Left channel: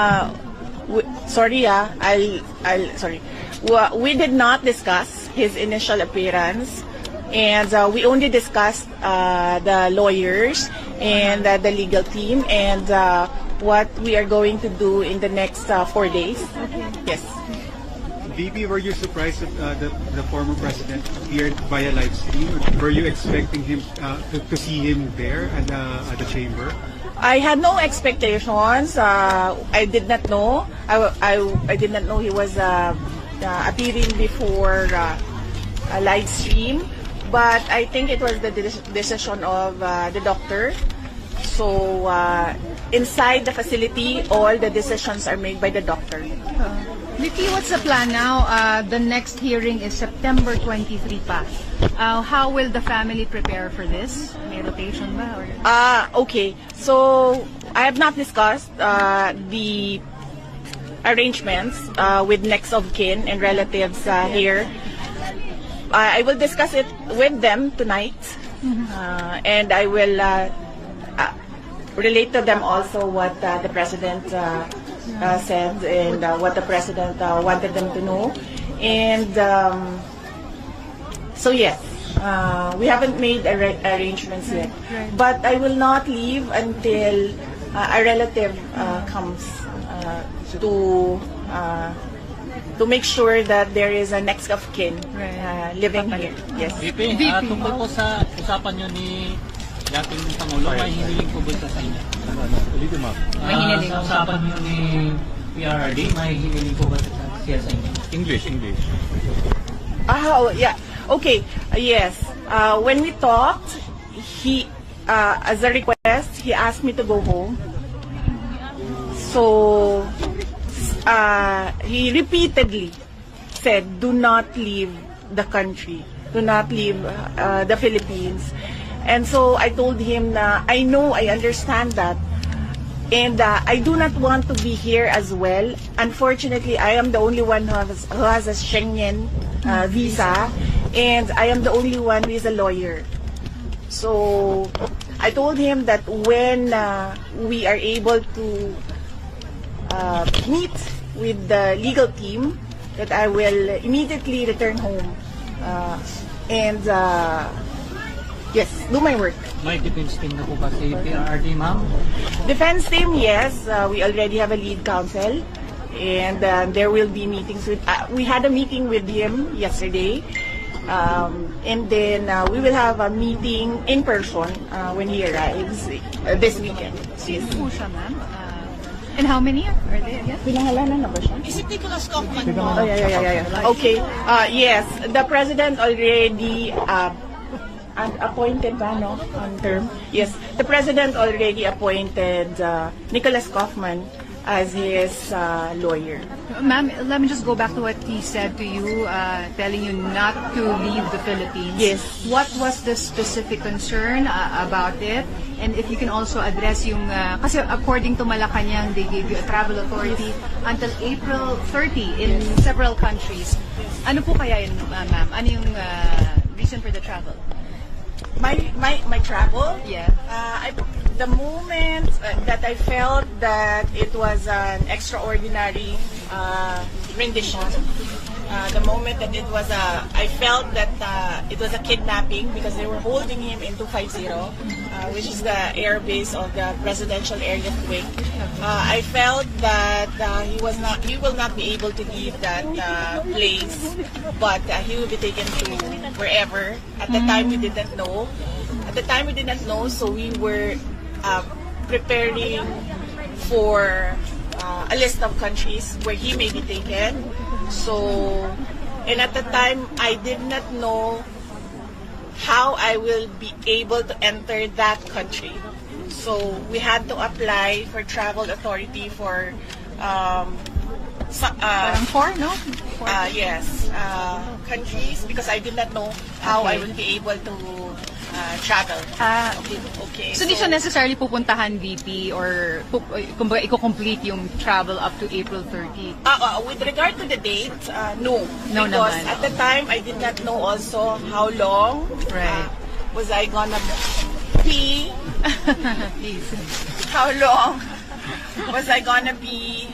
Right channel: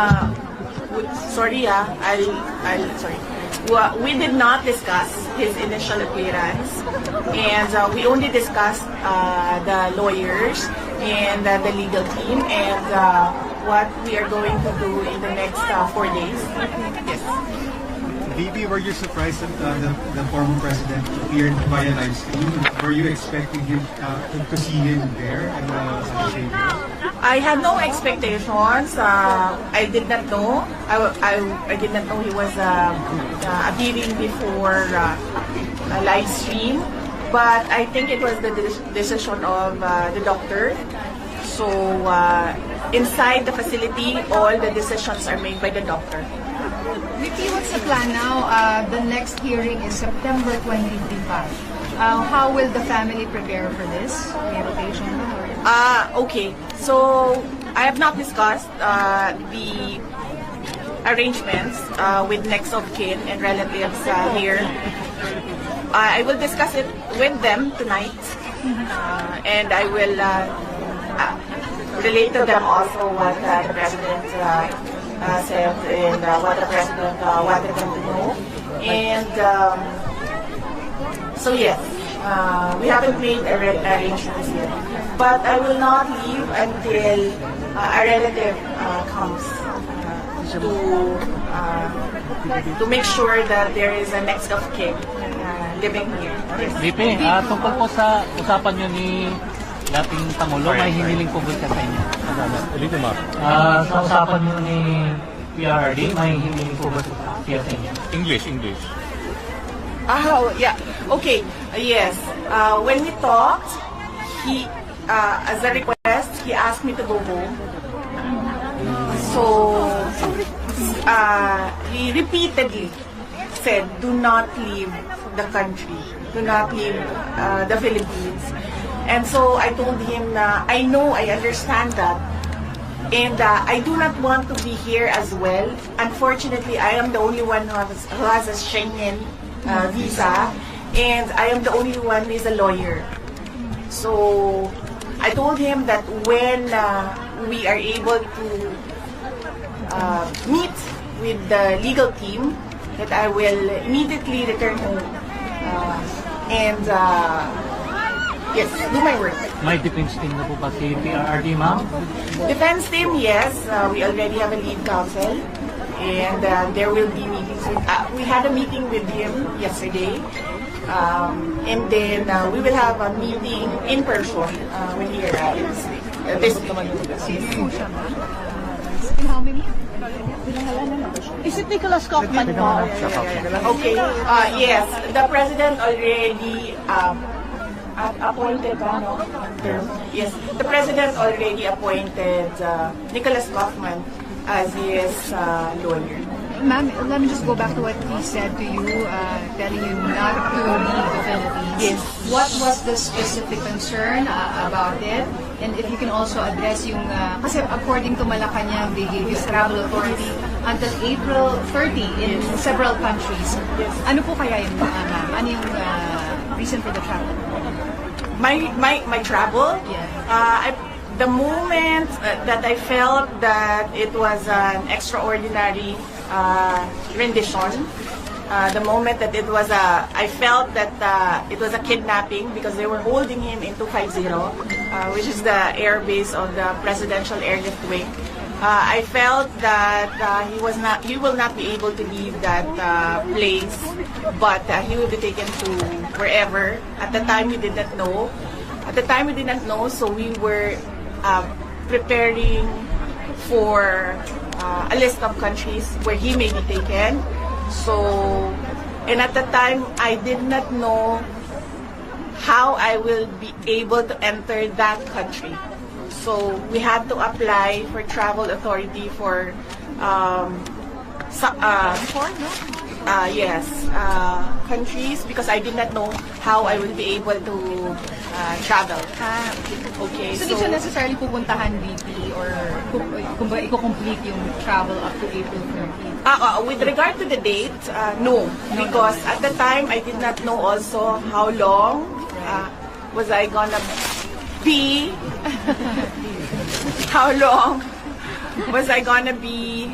sorry, sorry. We did not discuss his initial appearance, and we only discussed the lawyers and the legal team and what we are going to do in the next 4 days. Yes. VP, were you surprised that the former president appeared via live stream? Were you expecting him to see him there at the chamber? I had no expectations. I did not know. I did not know he was appearing before a live stream. But I think it was the decision of the doctor. So inside the facility, all the decisions are made by the doctor. Vicky, what's the plan now? The next hearing is September 23 pa. How will the family prepare for this? May rotation ba? Okay. So I have not discussed the arrangements with next of kin and relatives here. I will discuss it with them tonight, and I will relate to them also what the president said and what the president wanted them to know. And so yes, we haven't made arrangements yet, but I will not leave until a relative comes to make sure that there is a next of kin living here. Yes. VP, tungkol po sa usapan nyo ni dating Pangulo, may hiniling po ba sa inyo? Sa usapan nyo ni PRRD, may hiniling po ba siya sa inyo? English. Oh, yeah. Okay. Yes. When we talked, he, as a request, he asked me to go home. So, he repeatedly said, do not leave the country. Do not leave the Philippines. And so I told him na I know, I understand that. And I do not want to be here as well. Unfortunately, I am the only one who has a Schengen visa. And I am the only one who is a lawyer. So I told him that when we are able to meet with the legal team, that I will immediately return home and yes, do my work. May defense team na po ba si PRRD, ma'am? Defense team, yes. We already have a lead counsel, and there will be meetings with. We had a meeting with him yesterday, and then we will have a meeting in person when he arrives this weekend. And how many are there again? Pinangalanan na ba siya? Is it Nicholas Kaufman? Yeah. Okay. Yes, the president already appointed midterm. Yes, the president already appointed Nicholas Kaufman as his lawyer. Ma'am, let me just go back to what he said to you, telling you not to leave the Philippines. Yes. What was the specific concern about it? And if you can also address yung, kasi according to Malacanang, they gave you travel authority until April 30 in several countries. Ano po kaya yun, ma'am? Ano yung reason for the travel? My travel? Yeah. The moment that I felt that it was an extraordinary rendition, the moment that it was I felt that it was a kidnapping because they were holding him in 250, which is the air base of the Presidential Airlift Wing. I felt that he will not be able to leave that place, but he will be taken to wherever. At the time, we did not know. So we were preparing for a list of countries where he may be taken. So, and at the time, I did not know how I will be able to enter that country. So we had to apply for travel authority for countries because I did not know how I would be able to travel. Okay. So, di siya necessarily pupuntahan VP or i-complete yung travel up to April 30? With regard to the date, no. No because naman. at the time, I did not know also how long was I gonna be, how long was I gonna be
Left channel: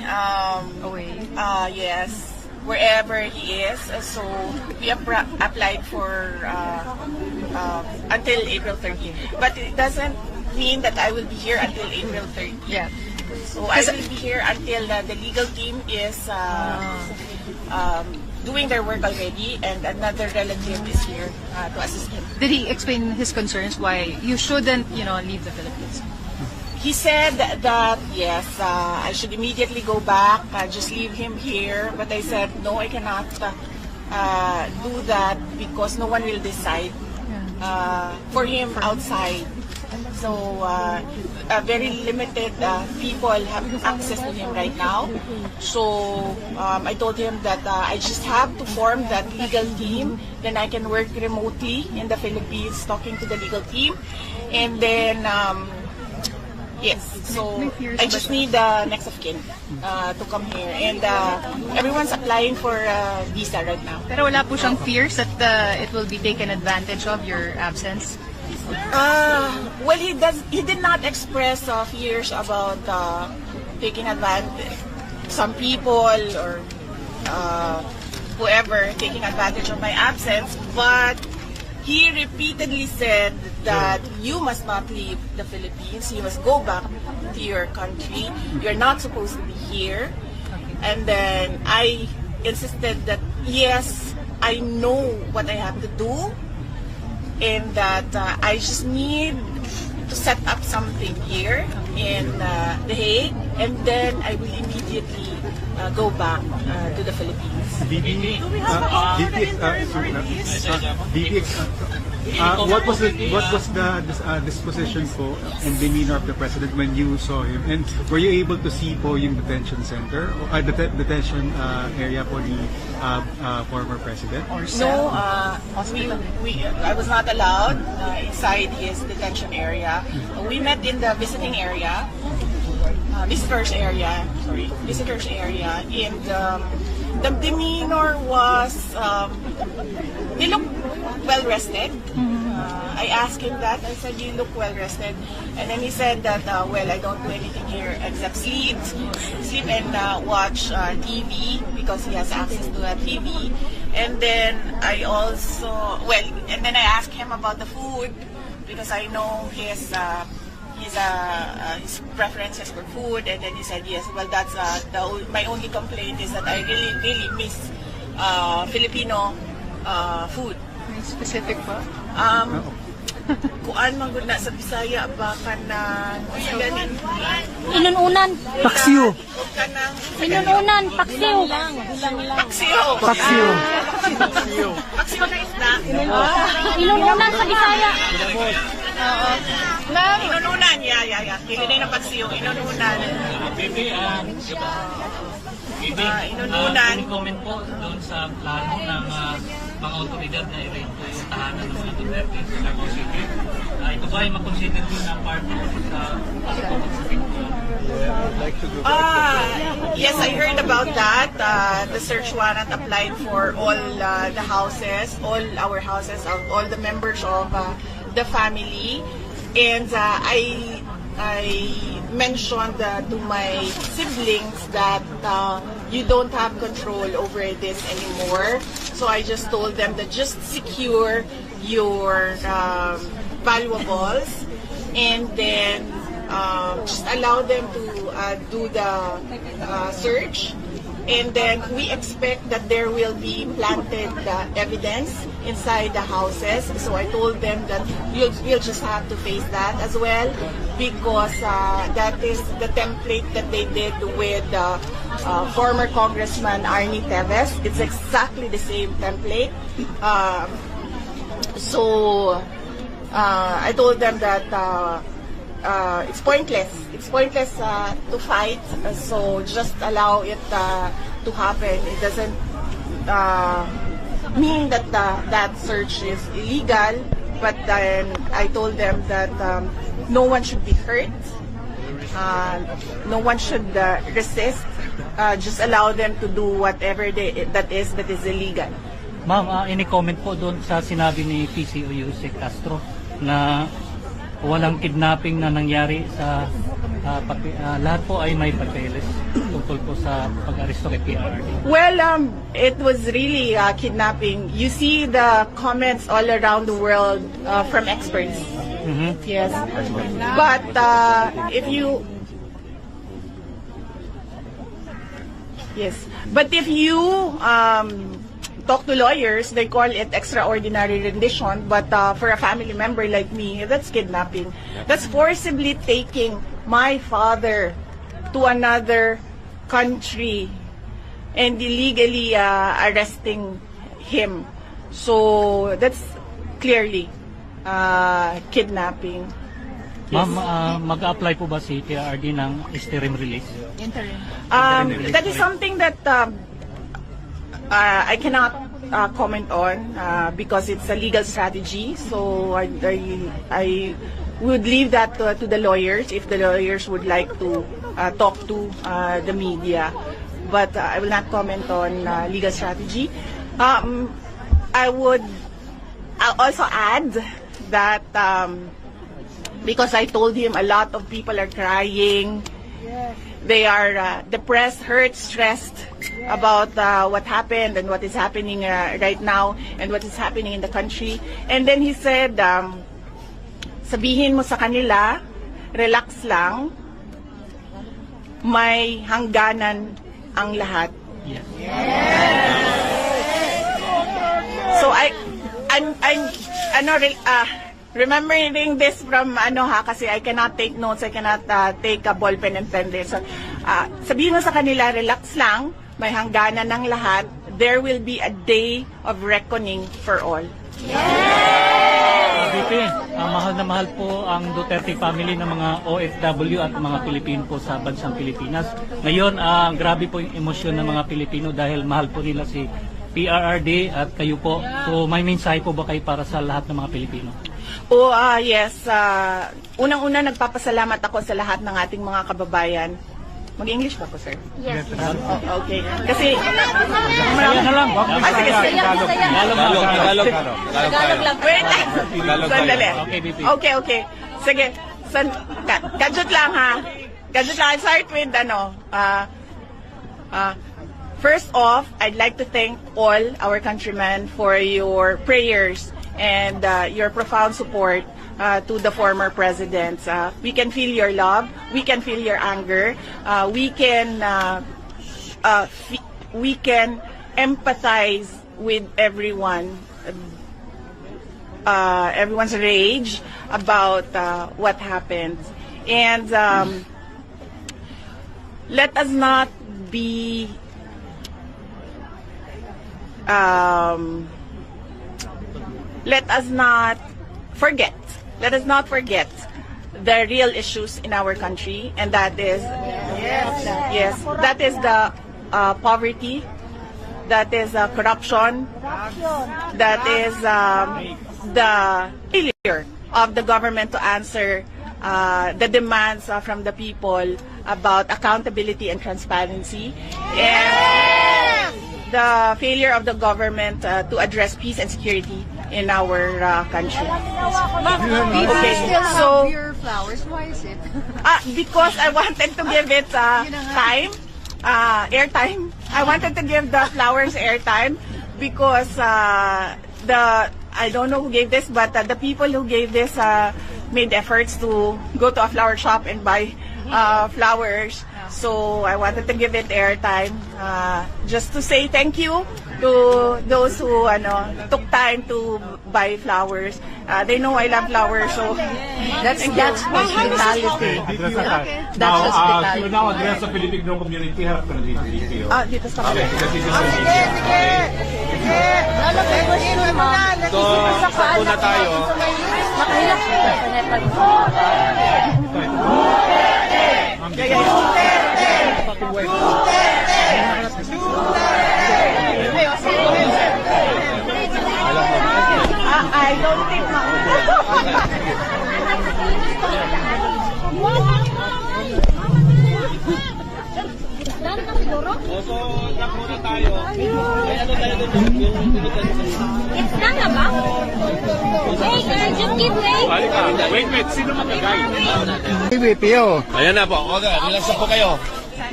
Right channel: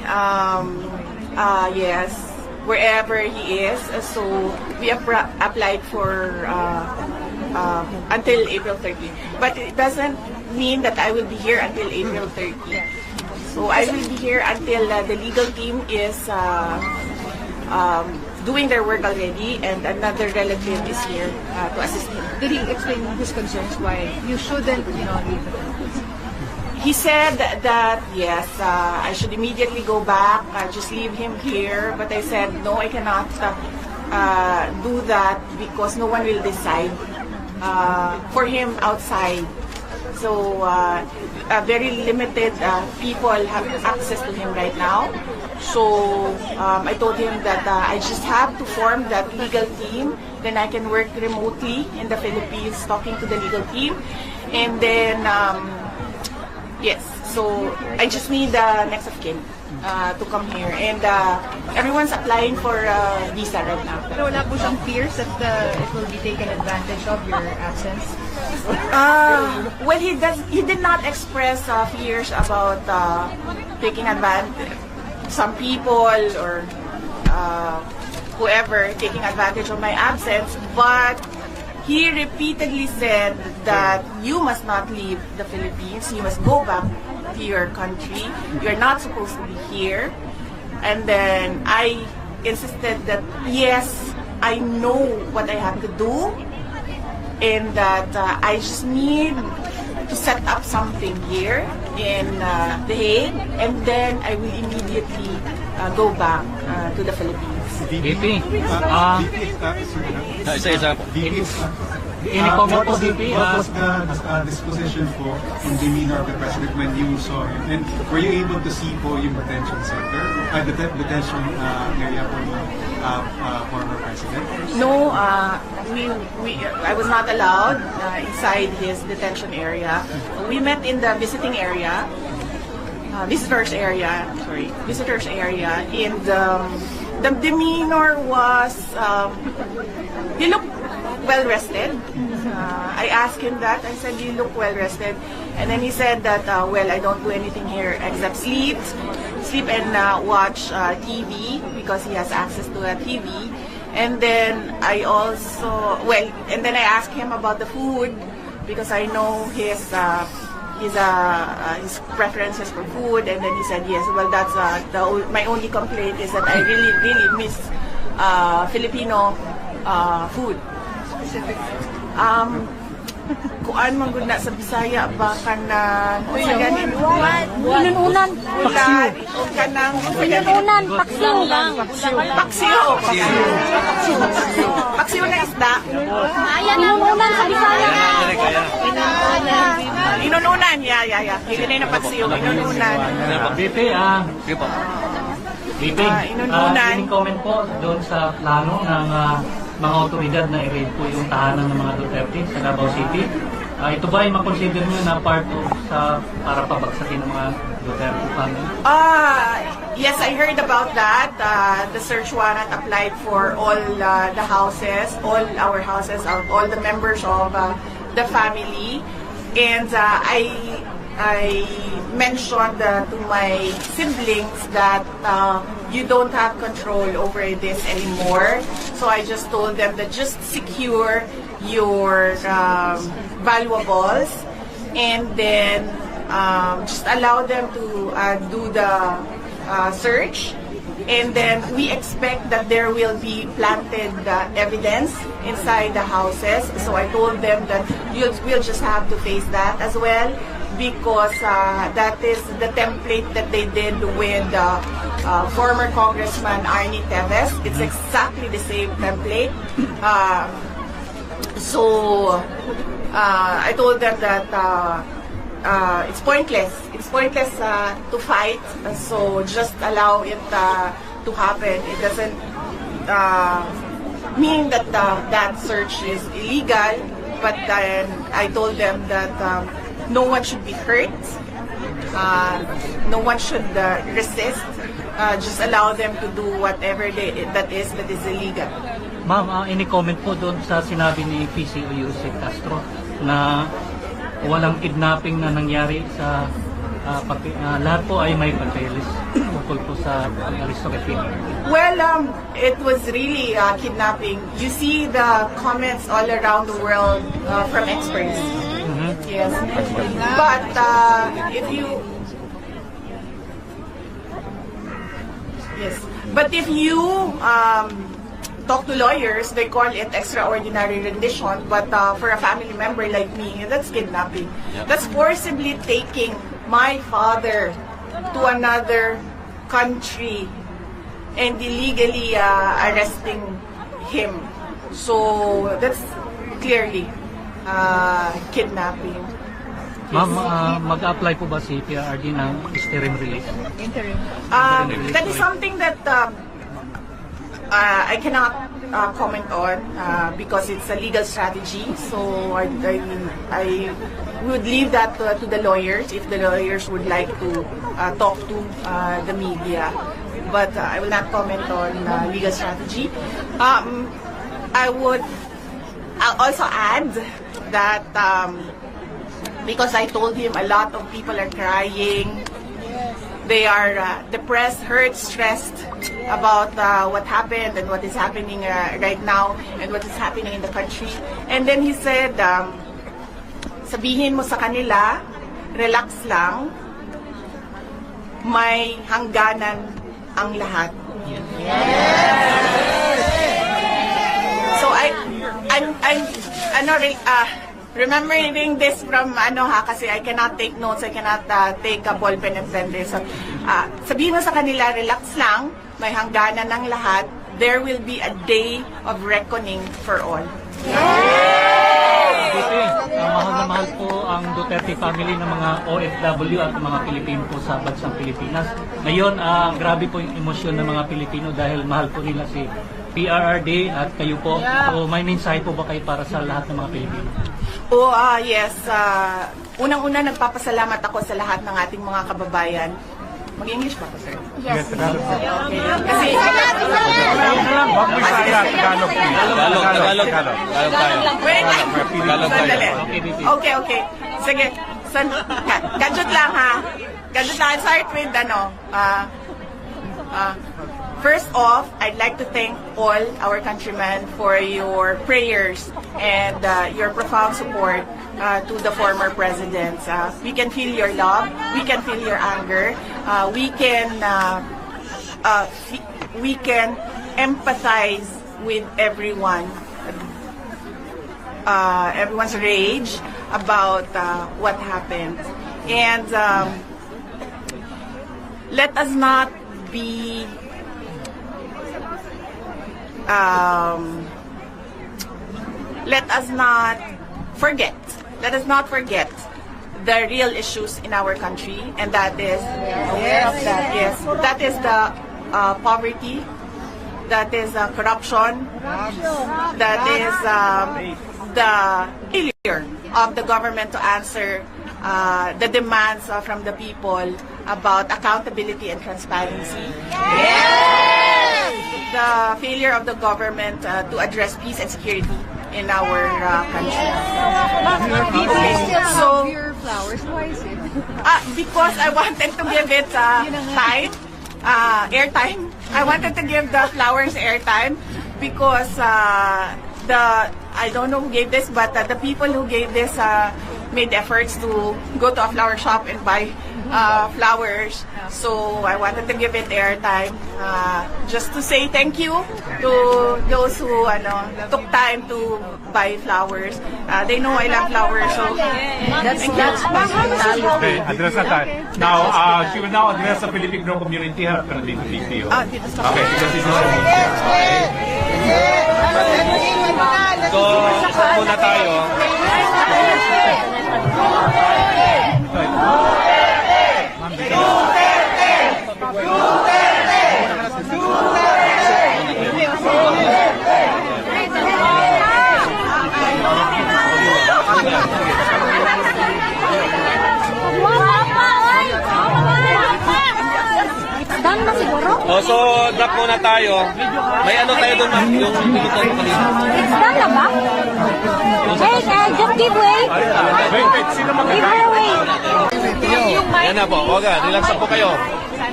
yes, wherever he is. So we applied for until April 30. But it doesn't mean that I will be here until April 30. Yeah. So I will be here until the legal team is doing their work already, and another relative is here to assist him. Did he explain his concerns why you shouldn't, leave the Philippines? He said that yes, I should immediately go back, just leave him here. But I said no, I cannot do that because no one will decide for him outside. So very limited people have access to him right now. So I told him that I just have to form that legal team. Then I can work remotely in the Philippines talking to the legal team. And then, yes, so I just need the next of kin to come here. And everyone's applying for visa right now. Pero wala po siyang fears that it will be taken advantage of, your absence? Well, he did not express fears about taking advantage. Some people or whoever taking advantage of my absence, but he repeatedly said that you must not leave the Philippines. You must go back to your country. You're not supposed to be here. And then I insisted that yes, I know what I have to do, and that I just need to set up something here in The Hague, and then I will immediately go back to the Philippines. VP, what was the disposition po and demeanor of the president when you saw him? And were you able to see po yung detention center, detention area for the former president? No, I was not allowed inside his detention area. We met in the visiting area, visitors area, and the demeanor was, he looked well rested. I asked him that. I said, you look well rested. And then he said that, well, I don't do anything here except sleep and watch TV because he has access to a TV. And then I asked him about the food because I know his preferences for food. And then he said, yes, well, that's my only complaint is that I really miss Filipino food. Specific food? Kuan man gud na sa Bisaya ba kanang Inununan. paksiw kanang Inununan. Paksiw lang. paksiw na isda. Ayan, inununan sa Bisaya. Inununan, yeah. May ganay na paksiw, inununan. VP, any comment po doon sa plano ng mga otoridad na i-raid po yung tahanan ng mga Duterte sa Davao City? Ito ba ay makonsider nyo na part sa para pabagsakin ng mga Duterte family? Yes, I heard about that. The search warrant applied for all the houses, all our houses, all the members of the family. And I mentioned to my siblings that you don't have control over this anymore. So I just told them that just secure your valuables and then just allow them to do the search. And then we expect that there will be planted evidence inside the houses. So I told them that we'll just have to face that as well, because that is the template that they did with former Congressman Arnie Teves. It's exactly the same template. So I told them that it's pointless. It's pointless to fight. So just allow it to happen. It doesn't mean that that search is illegal. But then I told them that no one should be hurt. No one should resist. Just allow them to do whatever that is illegal. Ma'am, any comment po doon sa sinabi ni PCO Yusek Castro na walang kidnapping na nangyari sa lahat po ay may papeles tungkol po sa pag-aristo kay PRRD? Well, it was really kidnapping. You see the comments all around the world from experts. Yes. But if you... Yes. But if you talk to lawyers, they call it extraordinary rendition. But for a family member like me, that's kidnapping. That's forcibly taking my father to another country and illegally arresting him. So that's clearly kidnapping. Ma'am, mag-apply po ba si PRRD ng interim release? That is something that I cannot comment on because it's a legal strategy. So I would leave that to the lawyers if the lawyers would like to talk to the media. But I will not comment on legal strategy. I would also add that because I told him a lot of people are crying. They are depressed, hurt, stressed about what happened and what is happening right now and what is happening in the country. And then he said, sabihin mo sa kanila, relax lang, may hangganan ang lahat. So I'm remembering this from kasi I cannot take notes, I cannot take a ball pen and pen this. So, sabihin mo sa kanila, relax lang, may hangganan ng lahat, there will be a day of reckoning for all. Mahal na mahal po ang Duterte family ng mga OFW at mga Pilipino po sa bansang Pilipinas. Ngayon, grabe po yung emosyon ng mga Pilipino dahil mahal po nila si PRRD at kayo po. So may mensahe po ba kayo para sa lahat ng mga Pilipino? Yes. Unang-una, nagpapasalamat ako sa lahat ng ating mga kababayan. Mag-English pa po, sir? Yes. Okay. Kasi... Tagalog lang. Wait. Sandali. Okay. Sige. Gadget lang, ha? Gadget lang. I'll start with, first off, I'd like to thank all our countrymen for your prayers and your profound support to the former presidents. We can feel your love, we can feel your anger, we can empathize with everyone's rage about what happened. And let us not be let us not forget the real issues in our country, and that is that is the poverty, that is corruption, that is the failure of the government to answer the demands from the people about accountability and transparency. The failure of the government to address peace and security in our country. Okay, so your flowers, why is it? Because I wanted to give it time, airtime. I wanted to give the flowers airtime because I don't know who gave this, but the people who gave this made efforts to go to a flower shop and buy flowers. So I wanted to give it airtime just to say thank you to those who took time to buy flowers. They know I love flowers, so that's Address that. Now, she will now address the Filipino community. Harap ka na dito, dito. dito sa Okay, because this is your media. Okay. So, isa po na tayo. Done na siguro? So, drop muna tayo. May ano tayo doon? It's done na ba? Okay, just give way. Wait, sino Give her way. Ayan na po. Okay, relax na po kayo.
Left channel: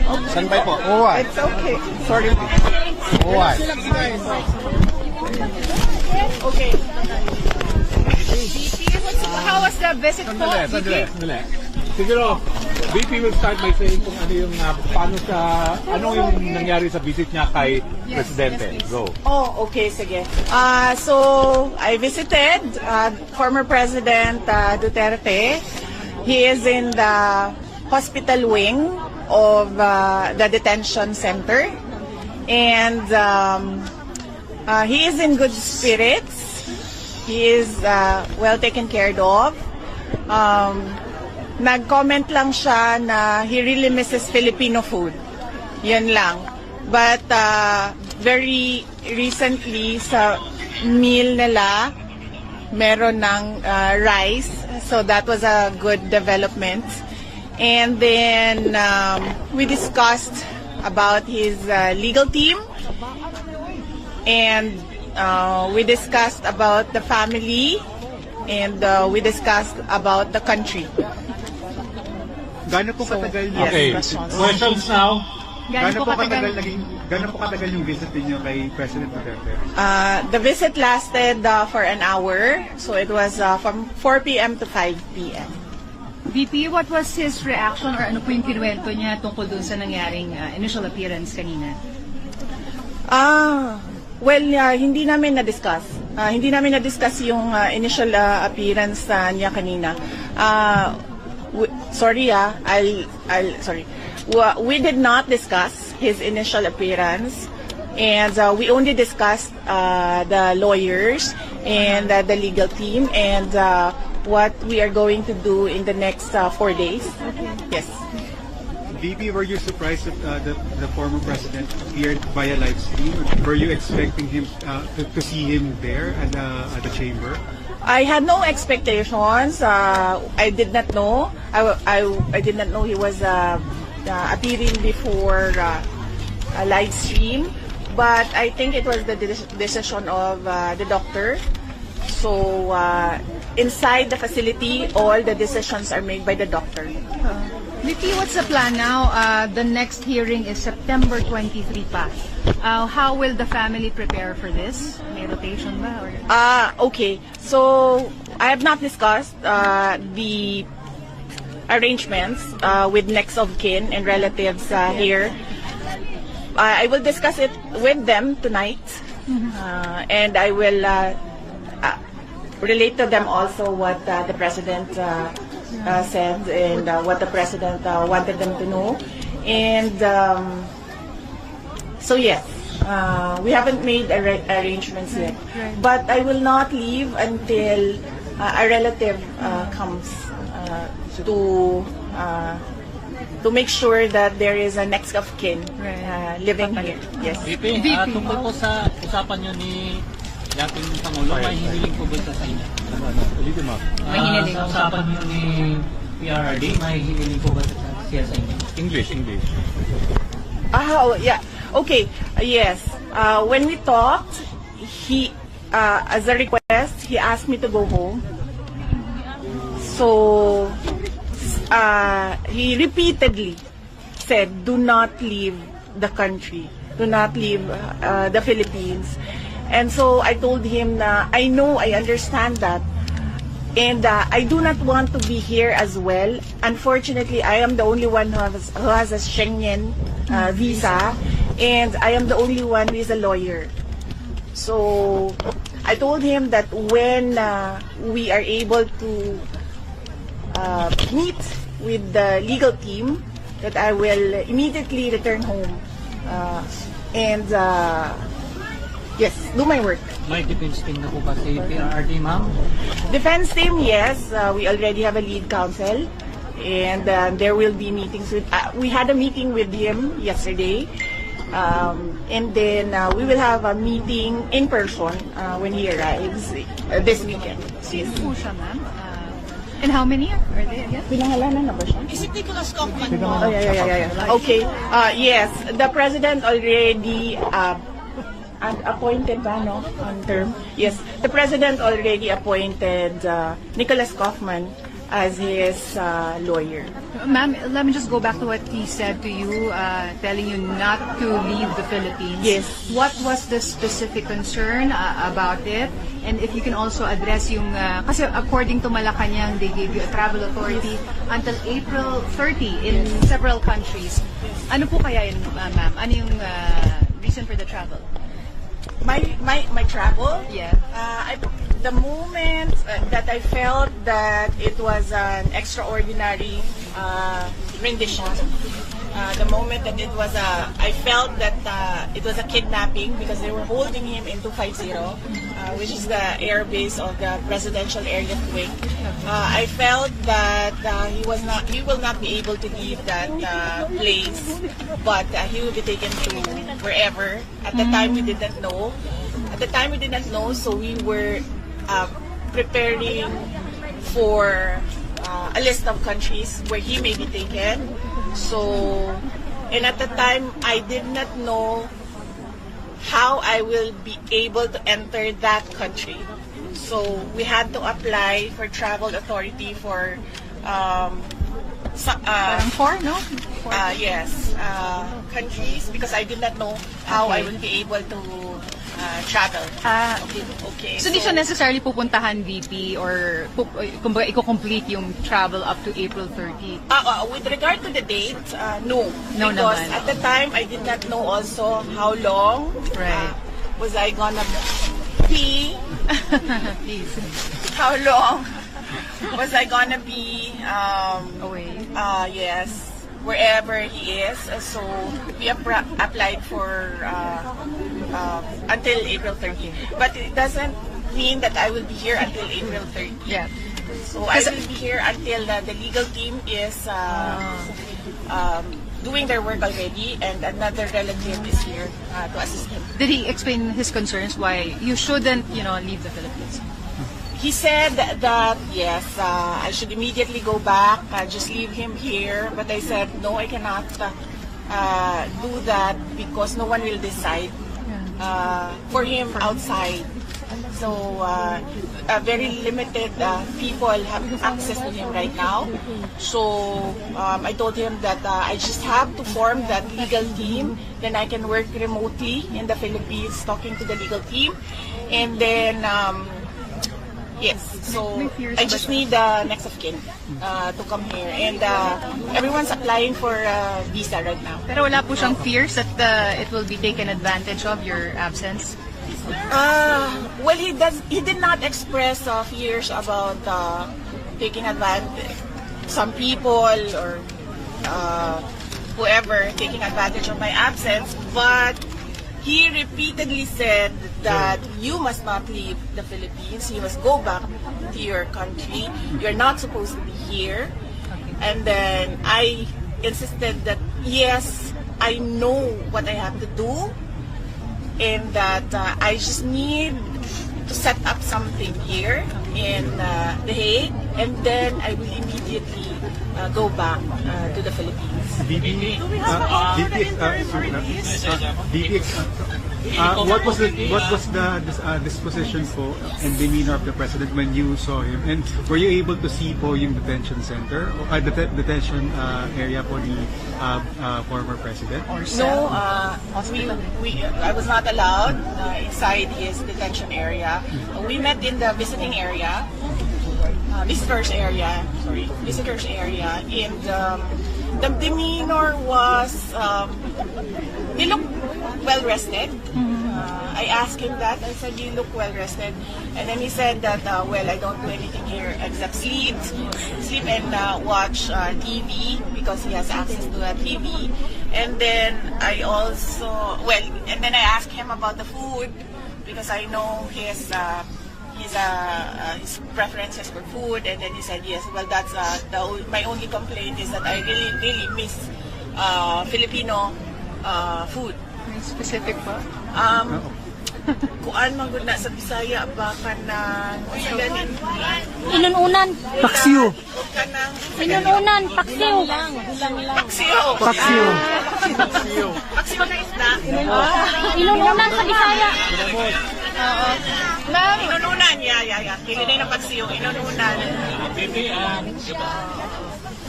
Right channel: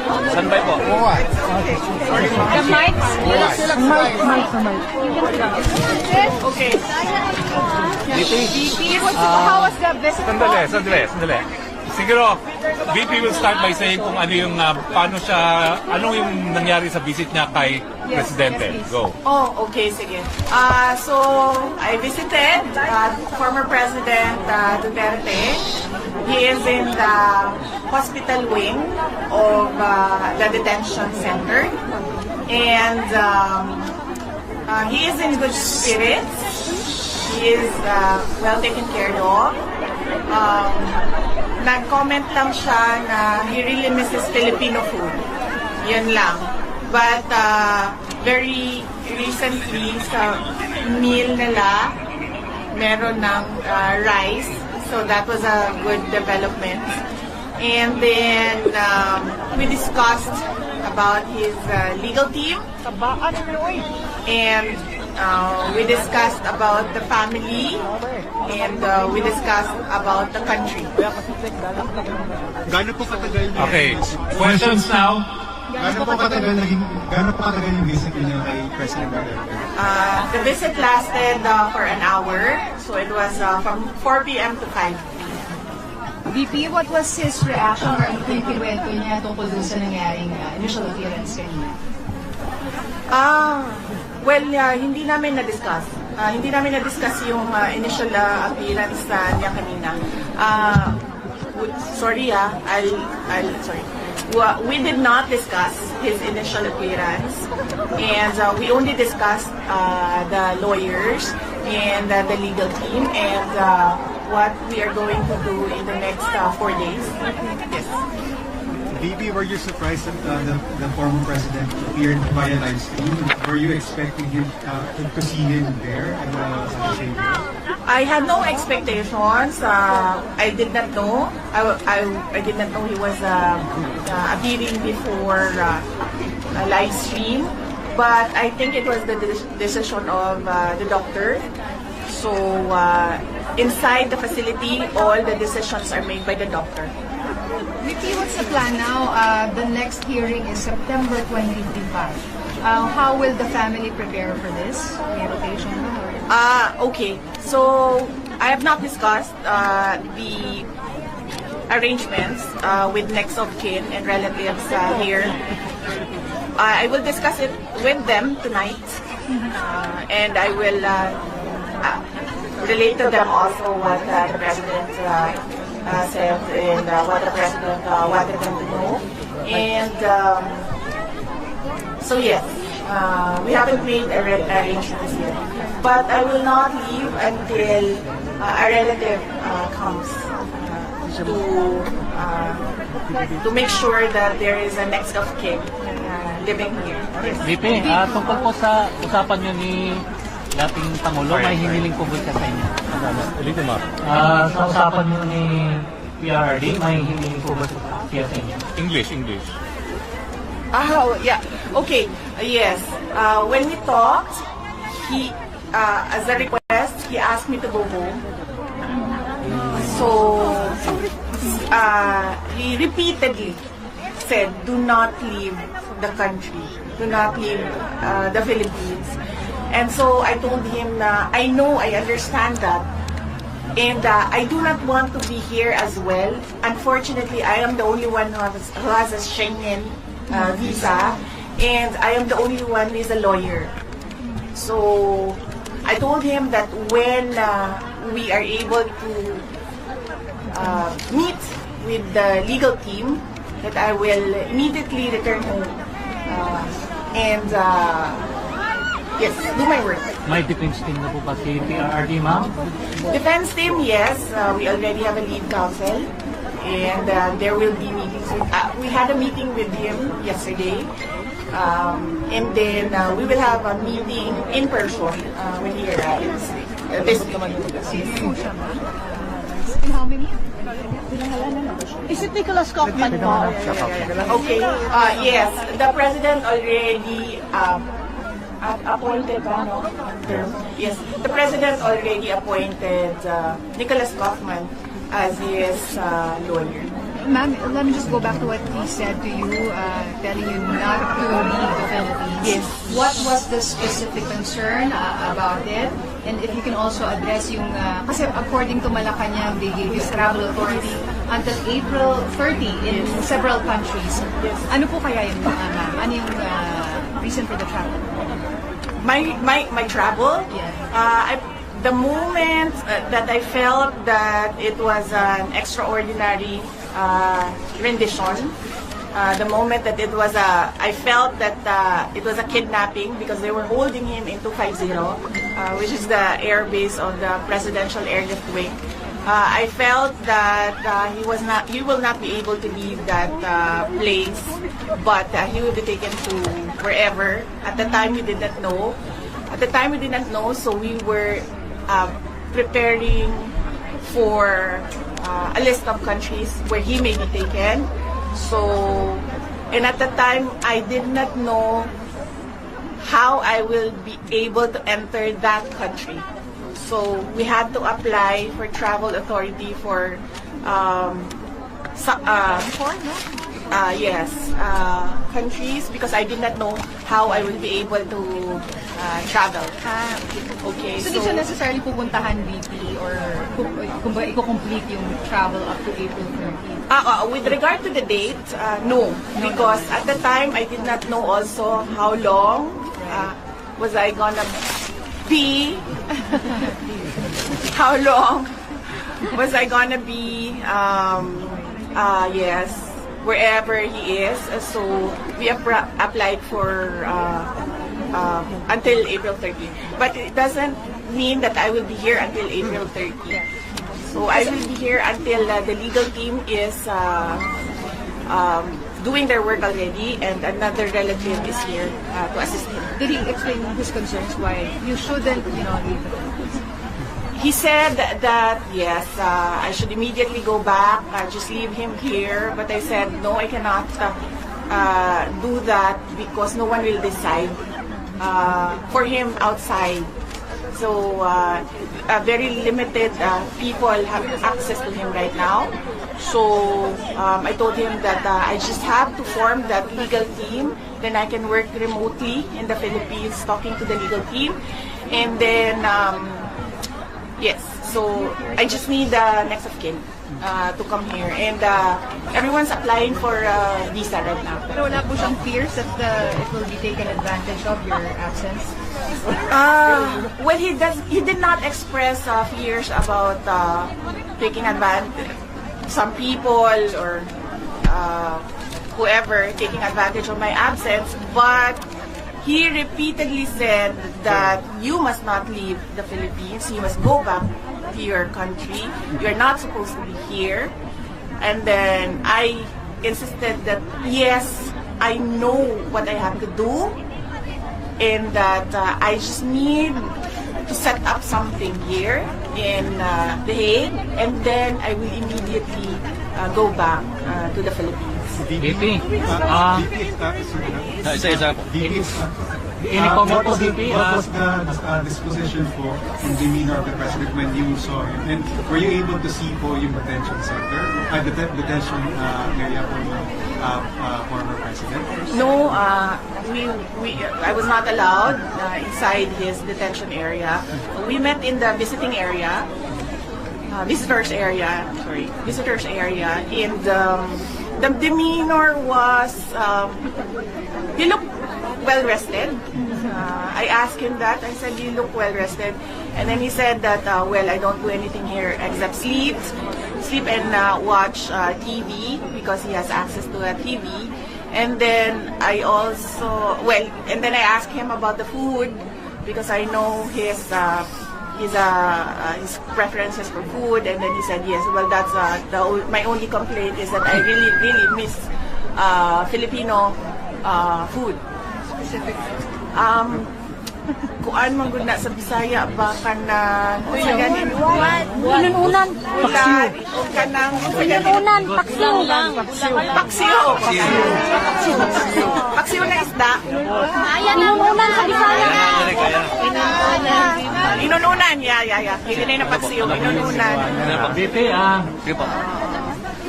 Standby po. It's okay. Sorry. The mic. Okay. VP, how was the visit po? Sandali. Siguro, VP will start by saying kung ano yung, paano siya, ano yung nangyari sa visit niya kay Presidente. Go. Oh, okay, sige. So, I visited former President Duterte. He is in the hospital wing of the detention center. And he is in good spirits. He is well taken care of. Nag-comment lang siya na he really misses Filipino food. Yan lang. But very recently sa meal nila, meron ng rice. So that was a good development. And then we discussed about his legal team. And we discussed about the family. And we discussed about the country. Gano'n po katagal Okay, questions now? Gano'n po katagal yung visit niyo kay President Duterte? The visit lasted for an hour. So it was from 4 p.m. to 5 p.m. VP, what was his reaction or ano po yung kinuwento niya tungkol dun sa nangyaring initial appearance kanina? Well, hindi namin na-discuss. Hindi namin na-discuss yung initial appearance niya kanina. Sorry, sorry. We did not discuss his initial appearance, and we only discussed the lawyers and the legal team and what we are going to do in the next 4 days. Yes. VP, were you surprised that the former president appeared via live stream? Were you expecting him to see him there at the chamber? I had no expectations. I did not know. I did not know he was appearing before a live stream. But I think it was the decision of the doctor. So inside the facility, all the decisions are made by the doctor. VP, what's the plan now? The next hearing is September 23 pa. How will the family prepare for this? May rotation ba? Okay. So I have not discussed the arrangements with next of kin and relatives here. I will discuss it with them tonight, and I will relate to them also what the president said and what the president wanted them to know. And so yes, we haven't made arrangements yet. But I will not leave until a relative comes to make sure that there is a next of kin living here. Yes. VP, tungkol po sa usapan nyo ni dating Pangulo, may hiniling po ba sa inyo? Sa usapan nyo ni PRRD, may hiniling po ba siya sa inyo? English. Yeah. Okay. Yes. When we talked, he, as a request, he asked me to go home. So, he repeatedly said, "Do not leave the country. Do not leave the Philippines." And so I told him na I know, I understand that. And I do not want to be here as well. Unfortunately, I am the only one who has a Schengen visa. And I am the only one who is a lawyer. So I told him that when we are able to meet with the legal team, that I will immediately return home. And yes, do my work. May defense team na po ba si PRRD, ma'am? Defense team, yes. We already have a lead counsel. And there will be meetings with... we had a meeting with him yesterday. And then we will have a meeting in person when he arrives this weekend. And how many? Pinangalanan na ba siya? Is it Nicholas Kaufman po? Yeah. Okay. Yes, the president already appointed term. Yes, the president already appointed Nicholas Kaufman as his lawyer. Ma'am, let me just go back to what he said to you, telling you not to leave the Philippines. Yes. What was the specific concern about it? And if you can also address yung, kasi according to Malacanang, they gave you travel authority until April 30 in several countries. Ano po kaya yun, ma'am? Ano yung reason for the travel? My travel? Yeah. The moment that I felt that it was an extraordinary rendition, the moment that it was I felt that it was a kidnapping because they were holding him in 250, which is the air base of the presidential airlift wing. I felt that he will not be able to leave that place, but he will be taken to wherever. At the time, we did not know. So we were preparing for a list of countries where he may be taken. And at the time, I did not know how I will be able to enter that country. So we had to apply for travel authority for countries because I did not know how I would be able to travel. Okay. So, di siya necessarily pupuntahan, VP, or kumbaga i-complete yung travel up to April 30? With regard to the date, no. No Because naman. at the time, I did not know also how long Right. was I gonna be, how long was I gonna be, wherever he is. So we applied for until April 30. But it doesn't mean that I will be here until April 30. Yeah. So I will be here until the legal team is doing their work already, and another relative is here to assist him. Did he explain his concerns why you shouldn't, leave the Philippines? He said that yes, I should immediately go back, just leave him here. But I said no, I cannot do that because no one will decide for him outside. So very limited people have access to him right now. So I told him that I just have to form that legal team. Then I can work remotely in the Philippines, talking to the legal team, and then. Yes, so I just need the next of kin to come here, and everyone's applying for visa right now. Pero wala po siyang fears that it will be taken advantage of your absence? Well, he did not express fears about taking advantage. Some people or whoever taking advantage of my absence, but he repeatedly said that you must not leave the Philippines. You must go back to your country. You're not supposed to be here. And then I insisted that yes, I know what I have to do, and that I just need to set up something here in The Hague, and then I will immediately go back to the Philippines. VP, what was the disposition po and demeanor of the president when you saw him? And were you able to see po yung detention center, detention area for yung former president? No, I was not allowed inside his detention area. We met in the visiting area, visitors area, and the demeanor was, he looked well rested. I asked him that. I said, you look well rested. And then he said that, well, I don't do anything here except sleep and watch TV because he has access to a TV. And then I asked him about the food because I know his preferences for food. And then he said, yes, well, that's my only complaint is that I really miss Filipino food. Specific food? Kuan mo gud na sa Bisaya ba kanang Inununan. paksiw na isda Ayan, inununan sa Bisaya. inununan ya may ganay na paksiw inununan. VP,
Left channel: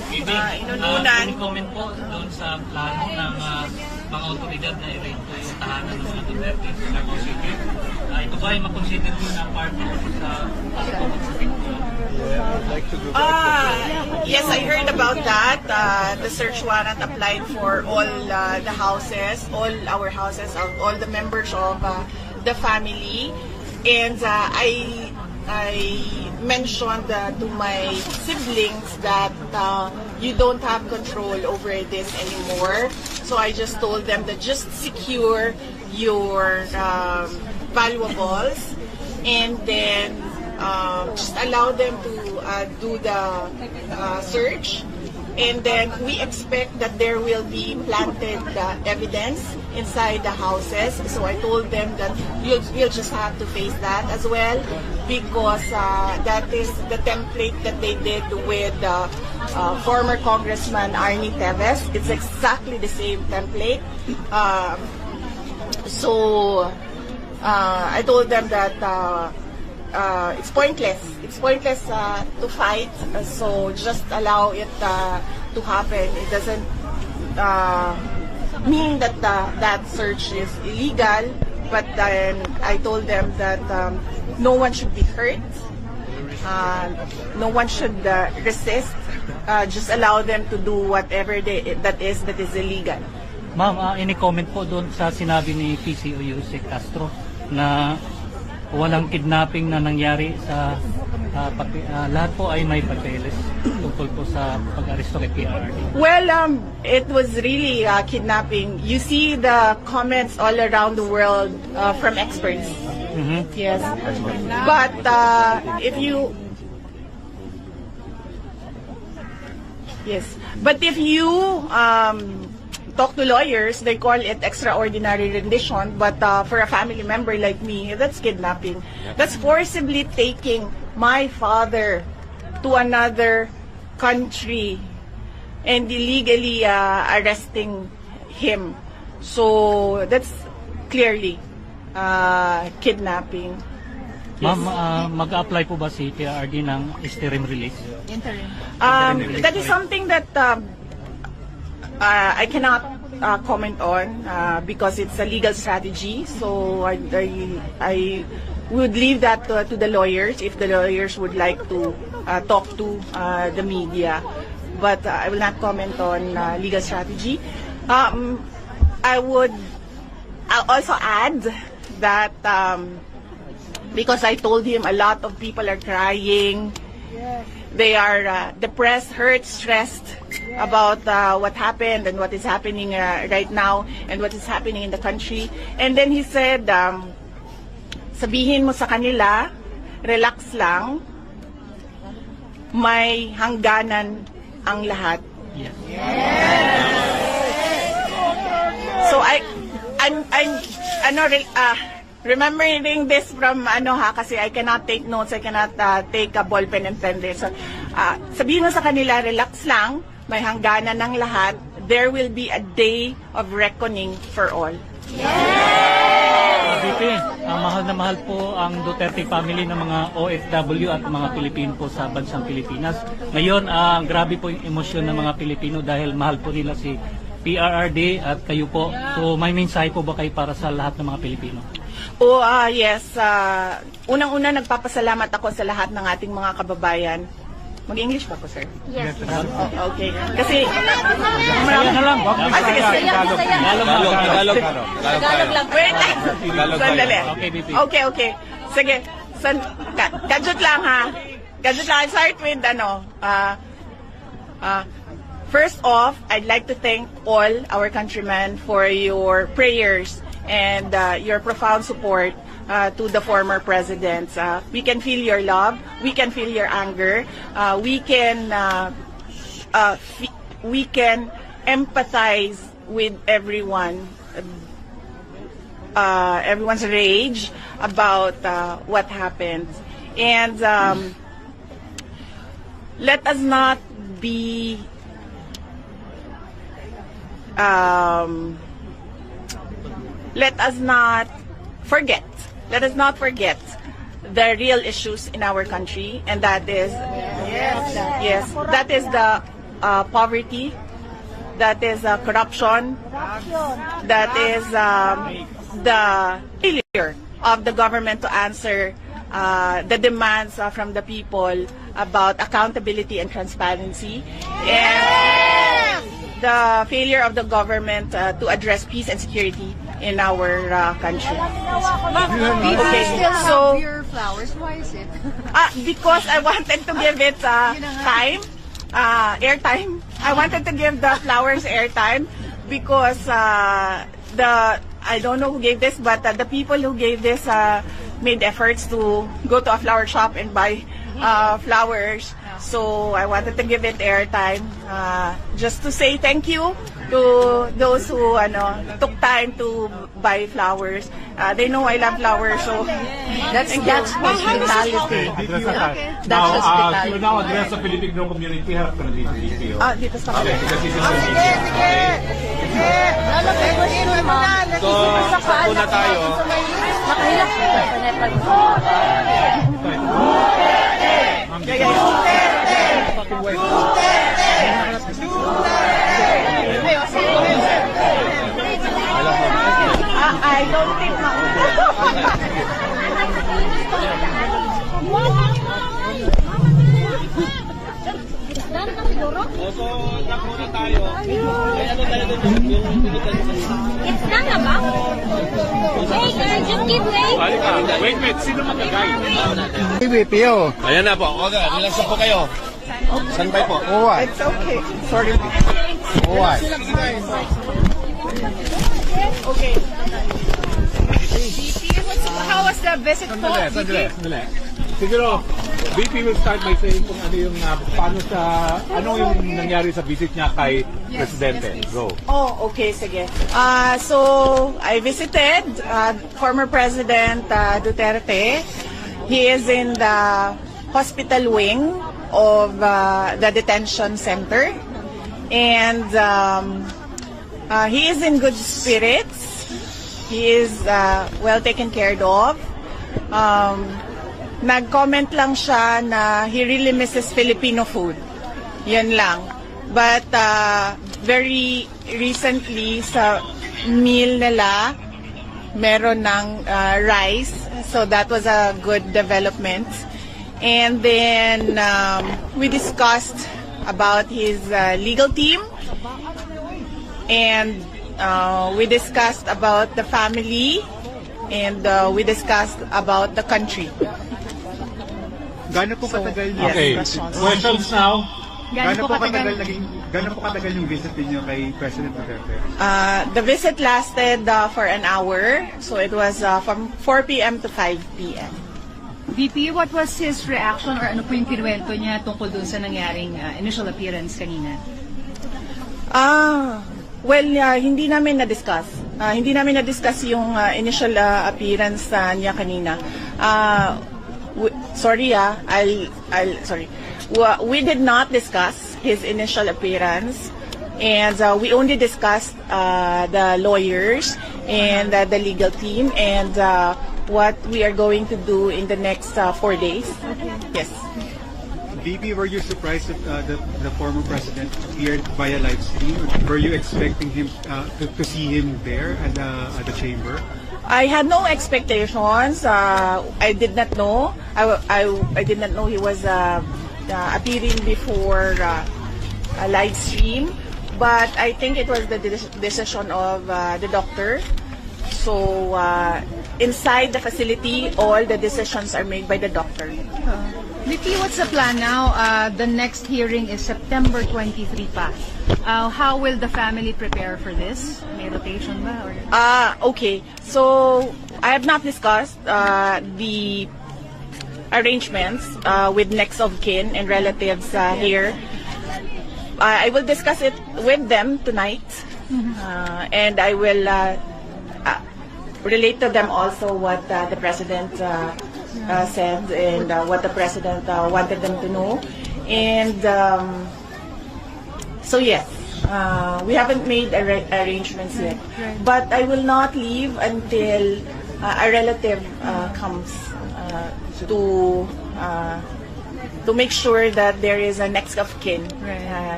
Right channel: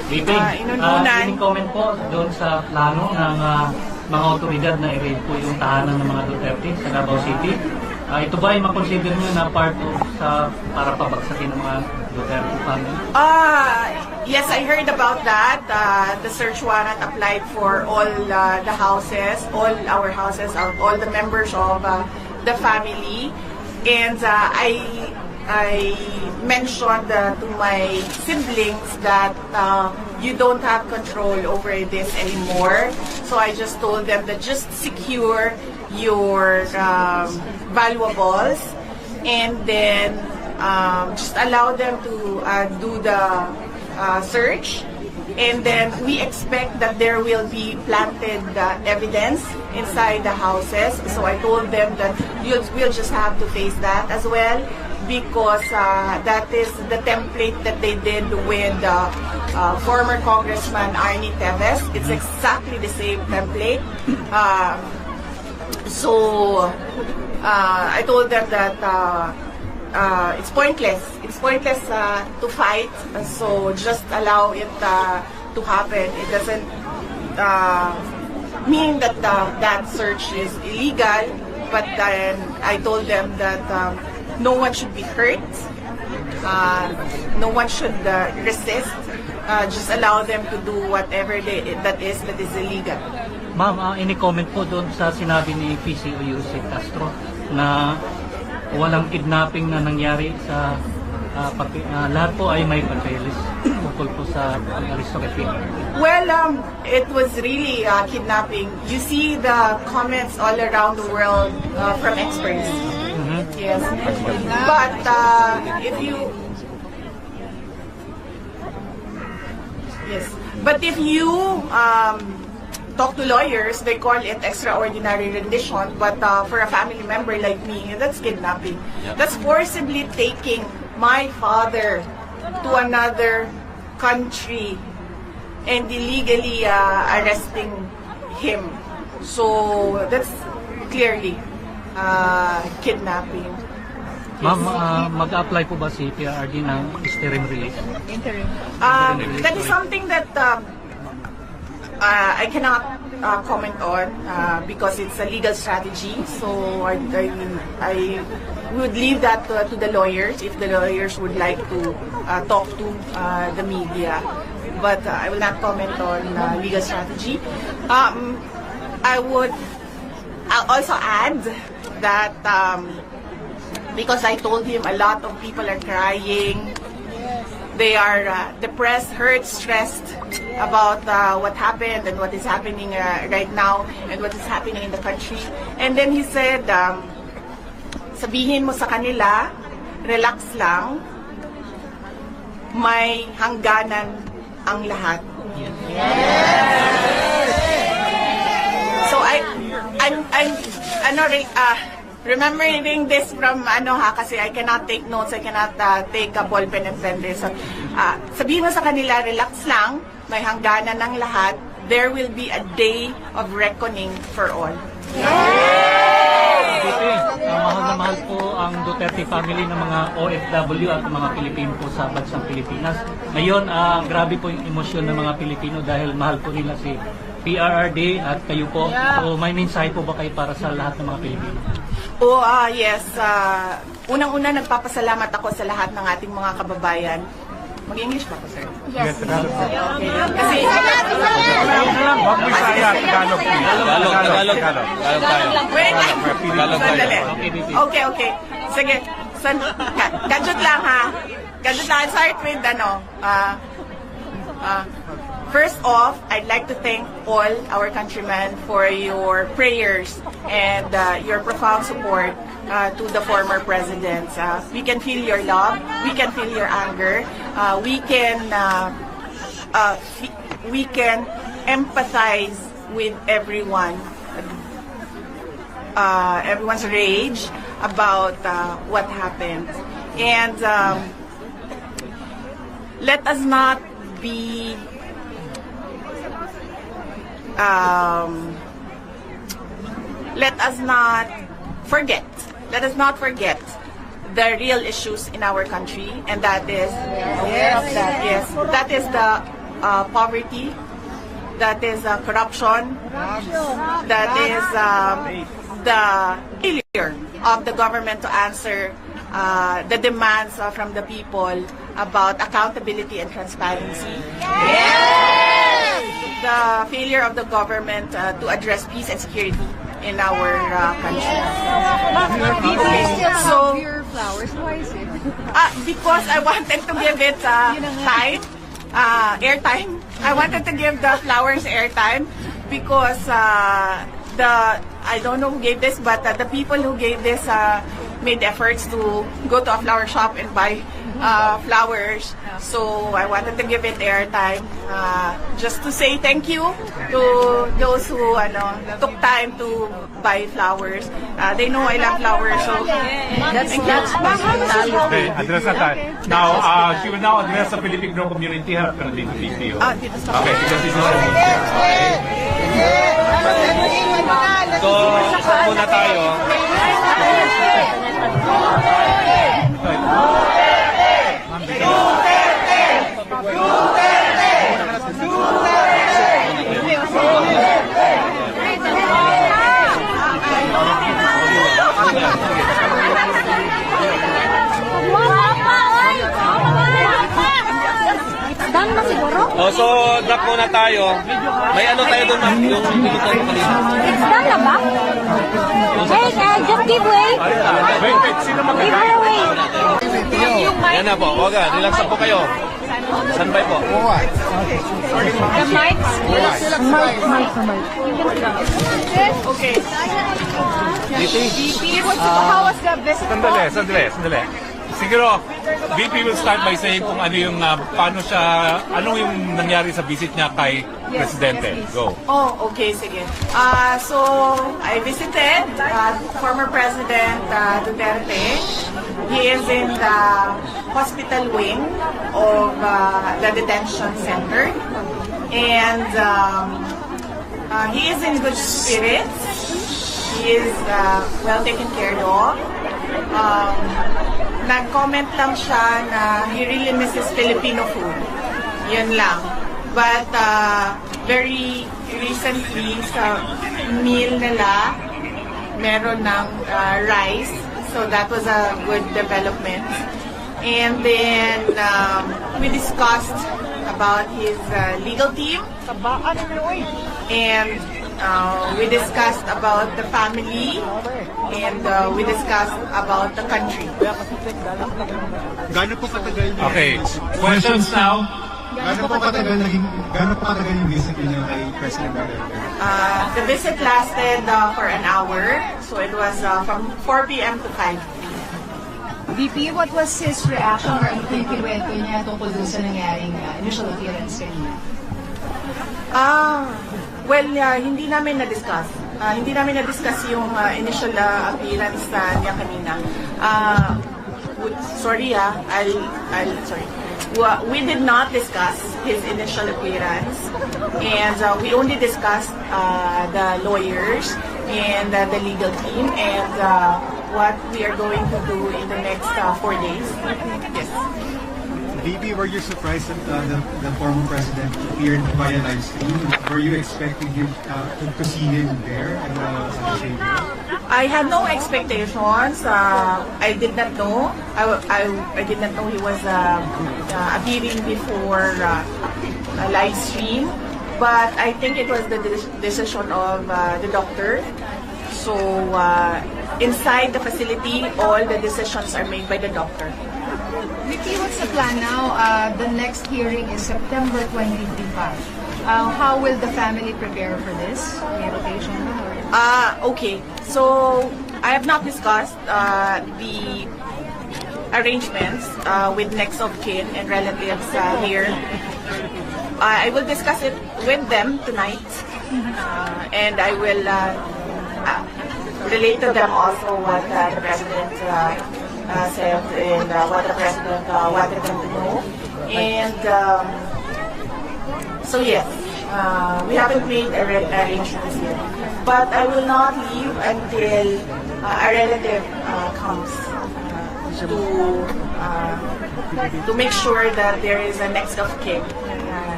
inununan. Any comment po doon sa plano ng mga otoridad na i-raid po yung tahanan ng mga Duterte sa Davao City? Ito ba ay makonsider nyo na part sa para papagsakin ng mga Duterte family? Yes, I heard about that. The search warrant applied for all the houses, all our houses, all the members of the family. And I mentioned to my siblings that you don't have control over this anymore. So I just told them that just secure your valuables and then just allow them to do the search. And then we expect that there will be planted evidence inside the houses. So I told them that we'll just have to face that as well, because that is the template that they did with former Congressman Arnie Teves. It's exactly the same template. So I told them that it's pointless. It's pointless to fight. So just allow it to happen. It doesn't mean that that search is illegal. But then I told them that no one should be hurt. No one should resist. Just allow them to do whatever that is illegal. Ma'am, any comment po doon sa sinabi ni PCO Yusek Castro na walang kidnapping na nangyari sa lahat po ay may papeles tungkol po sa pag-aristo kay PRD? Well, it was really kidnapping. You see the comments all around the world from experts. Yes, but if you talk to lawyers, they call it extraordinary rendition, but for a family member like me, that's kidnapping. That's forcibly taking my father to another country and illegally arresting him. So that's clearly kidnapping. Ma'am, mag-apply po ba si PRD ng interim release? That is something that I cannot comment on because it's a legal strategy. So I would leave that to the lawyers if the lawyers would like to talk to the media. But I will not comment on legal strategy. I would also add that because I told him a lot of people are crying. They are depressed, hurt, stressed about what happened and what is happening right now and what is happening in the country. And then he said, sabihin mo sa kanila, relax lang, may hangganan ang lahat. So I'm remembering this from kasi I cannot take notes, I cannot take a ball pen and pen this. So, sabihin mo sa kanila, relax lang, may hangganan ng lahat, there will be a day of reckoning for all. Mahal na mahal po ang Duterte family ng mga OFW at mga Pilipino po sa bansang Pilipinas. Ngayon, grabe po yung emosyon ng mga Pilipino dahil mahal po nila si PRRD at kayo po. So may mensahe po ba kayo para sa lahat ng mga Pilipino? Yes. Unang-una, nagpapasalamat ako sa lahat ng ating mga kababayan. Mag-English pa po, sir? Yes. Okay. Kasi... Tagalog lang. Wait lang. Sandali. Okay. Sige. Gadget lang, ha? Gadget lang. I'll start with, first off, I'd like to thank all our countrymen for your prayers and your profound support to the former presidents. We can feel your love, we can feel your anger, we can empathize with everyone, everyone's rage about what happened. And let us not be let us not forget the real issues in our country, and that is that is the poverty, that is corruption, that is the failure of the government to answer the demands from the people about accountability and transparency. The failure of the government to address peace and security in our country. Okay, so Your flowers, why is it? because I wanted to give it time, airtime. I wanted to give the flowers airtime because I don't know who gave this, but the people who gave this made efforts to go to a flower shop and buy flowers. So I wanted to give it airtime just to say thank you to those who took time to buy flowers. They know I love flowers, so that's Okay, address that. Now, she will now address the Philippine community. Harap ka na dito, VP. dito sa Okay, because this is the media. Okay. So, sakto na tayo. Done na siguro? Oh, so, drop muna tayo. May ano tayo doon? It's done na ba? Hey, just give way. Wait, sino Give her way. Ayan na po. Okay, relax na po kayo. Standby po. The mics. Okay. VP, how was the visit po? Sandali. Siguro, VP will start by saying kung ano yung, paano siya, ano yung nangyari sa visit niya kay Presidente. Go. Oh, okay, sige. So, I visited former President Duterte. He is in the hospital wing of the detention center. And he is in good spirits. He is well taken care of. Nag-comment lang siya na he really misses Filipino food. Yan lang. But very recently sa meal nila, meron ng rice. So that was a good development. And then we discussed about his legal team. And we discussed about the family. And we discussed about the country. Gano'n po katagal niya? Okay, questions now? Gano'n po katagal yung visit niyo kay President Duterte? The visit lasted for an hour. So it was from 4 p.m. to 5 p.m. VP, what was his reaction or ano po yung kinuwento niya tungkol dun sa nangyaring initial appearance kanina? Well, hindi namin na-discuss. Hindi namin na-discuss yung initial appearance niya kanina. Sorry, sorry. We did not discuss his initial appearance, and we only discussed the lawyers and the legal team and what we are going to do in the next 4 days. Yes. VP, were you surprised that the former president appeared via live stream? Were you expecting him to see him there at the chamber? I had no expectations. I did not know. I did not know he was appearing before a live stream. But I think it was the decision of the doctor. So inside the facility, all the decisions are made by the doctor. Vicky, what's the plan now? The next hearing is September 23 pa. How will the family prepare for this? May rotation ba? Okay. So, I have not discussed the arrangements with next of kin and relatives here. I will discuss it with them tonight. And I will relate to them also what the President said and what the President wanted them to know. And so yes, we haven't made arrangements yet. But I will not leave until a relative comes to make sure that there is a next of kin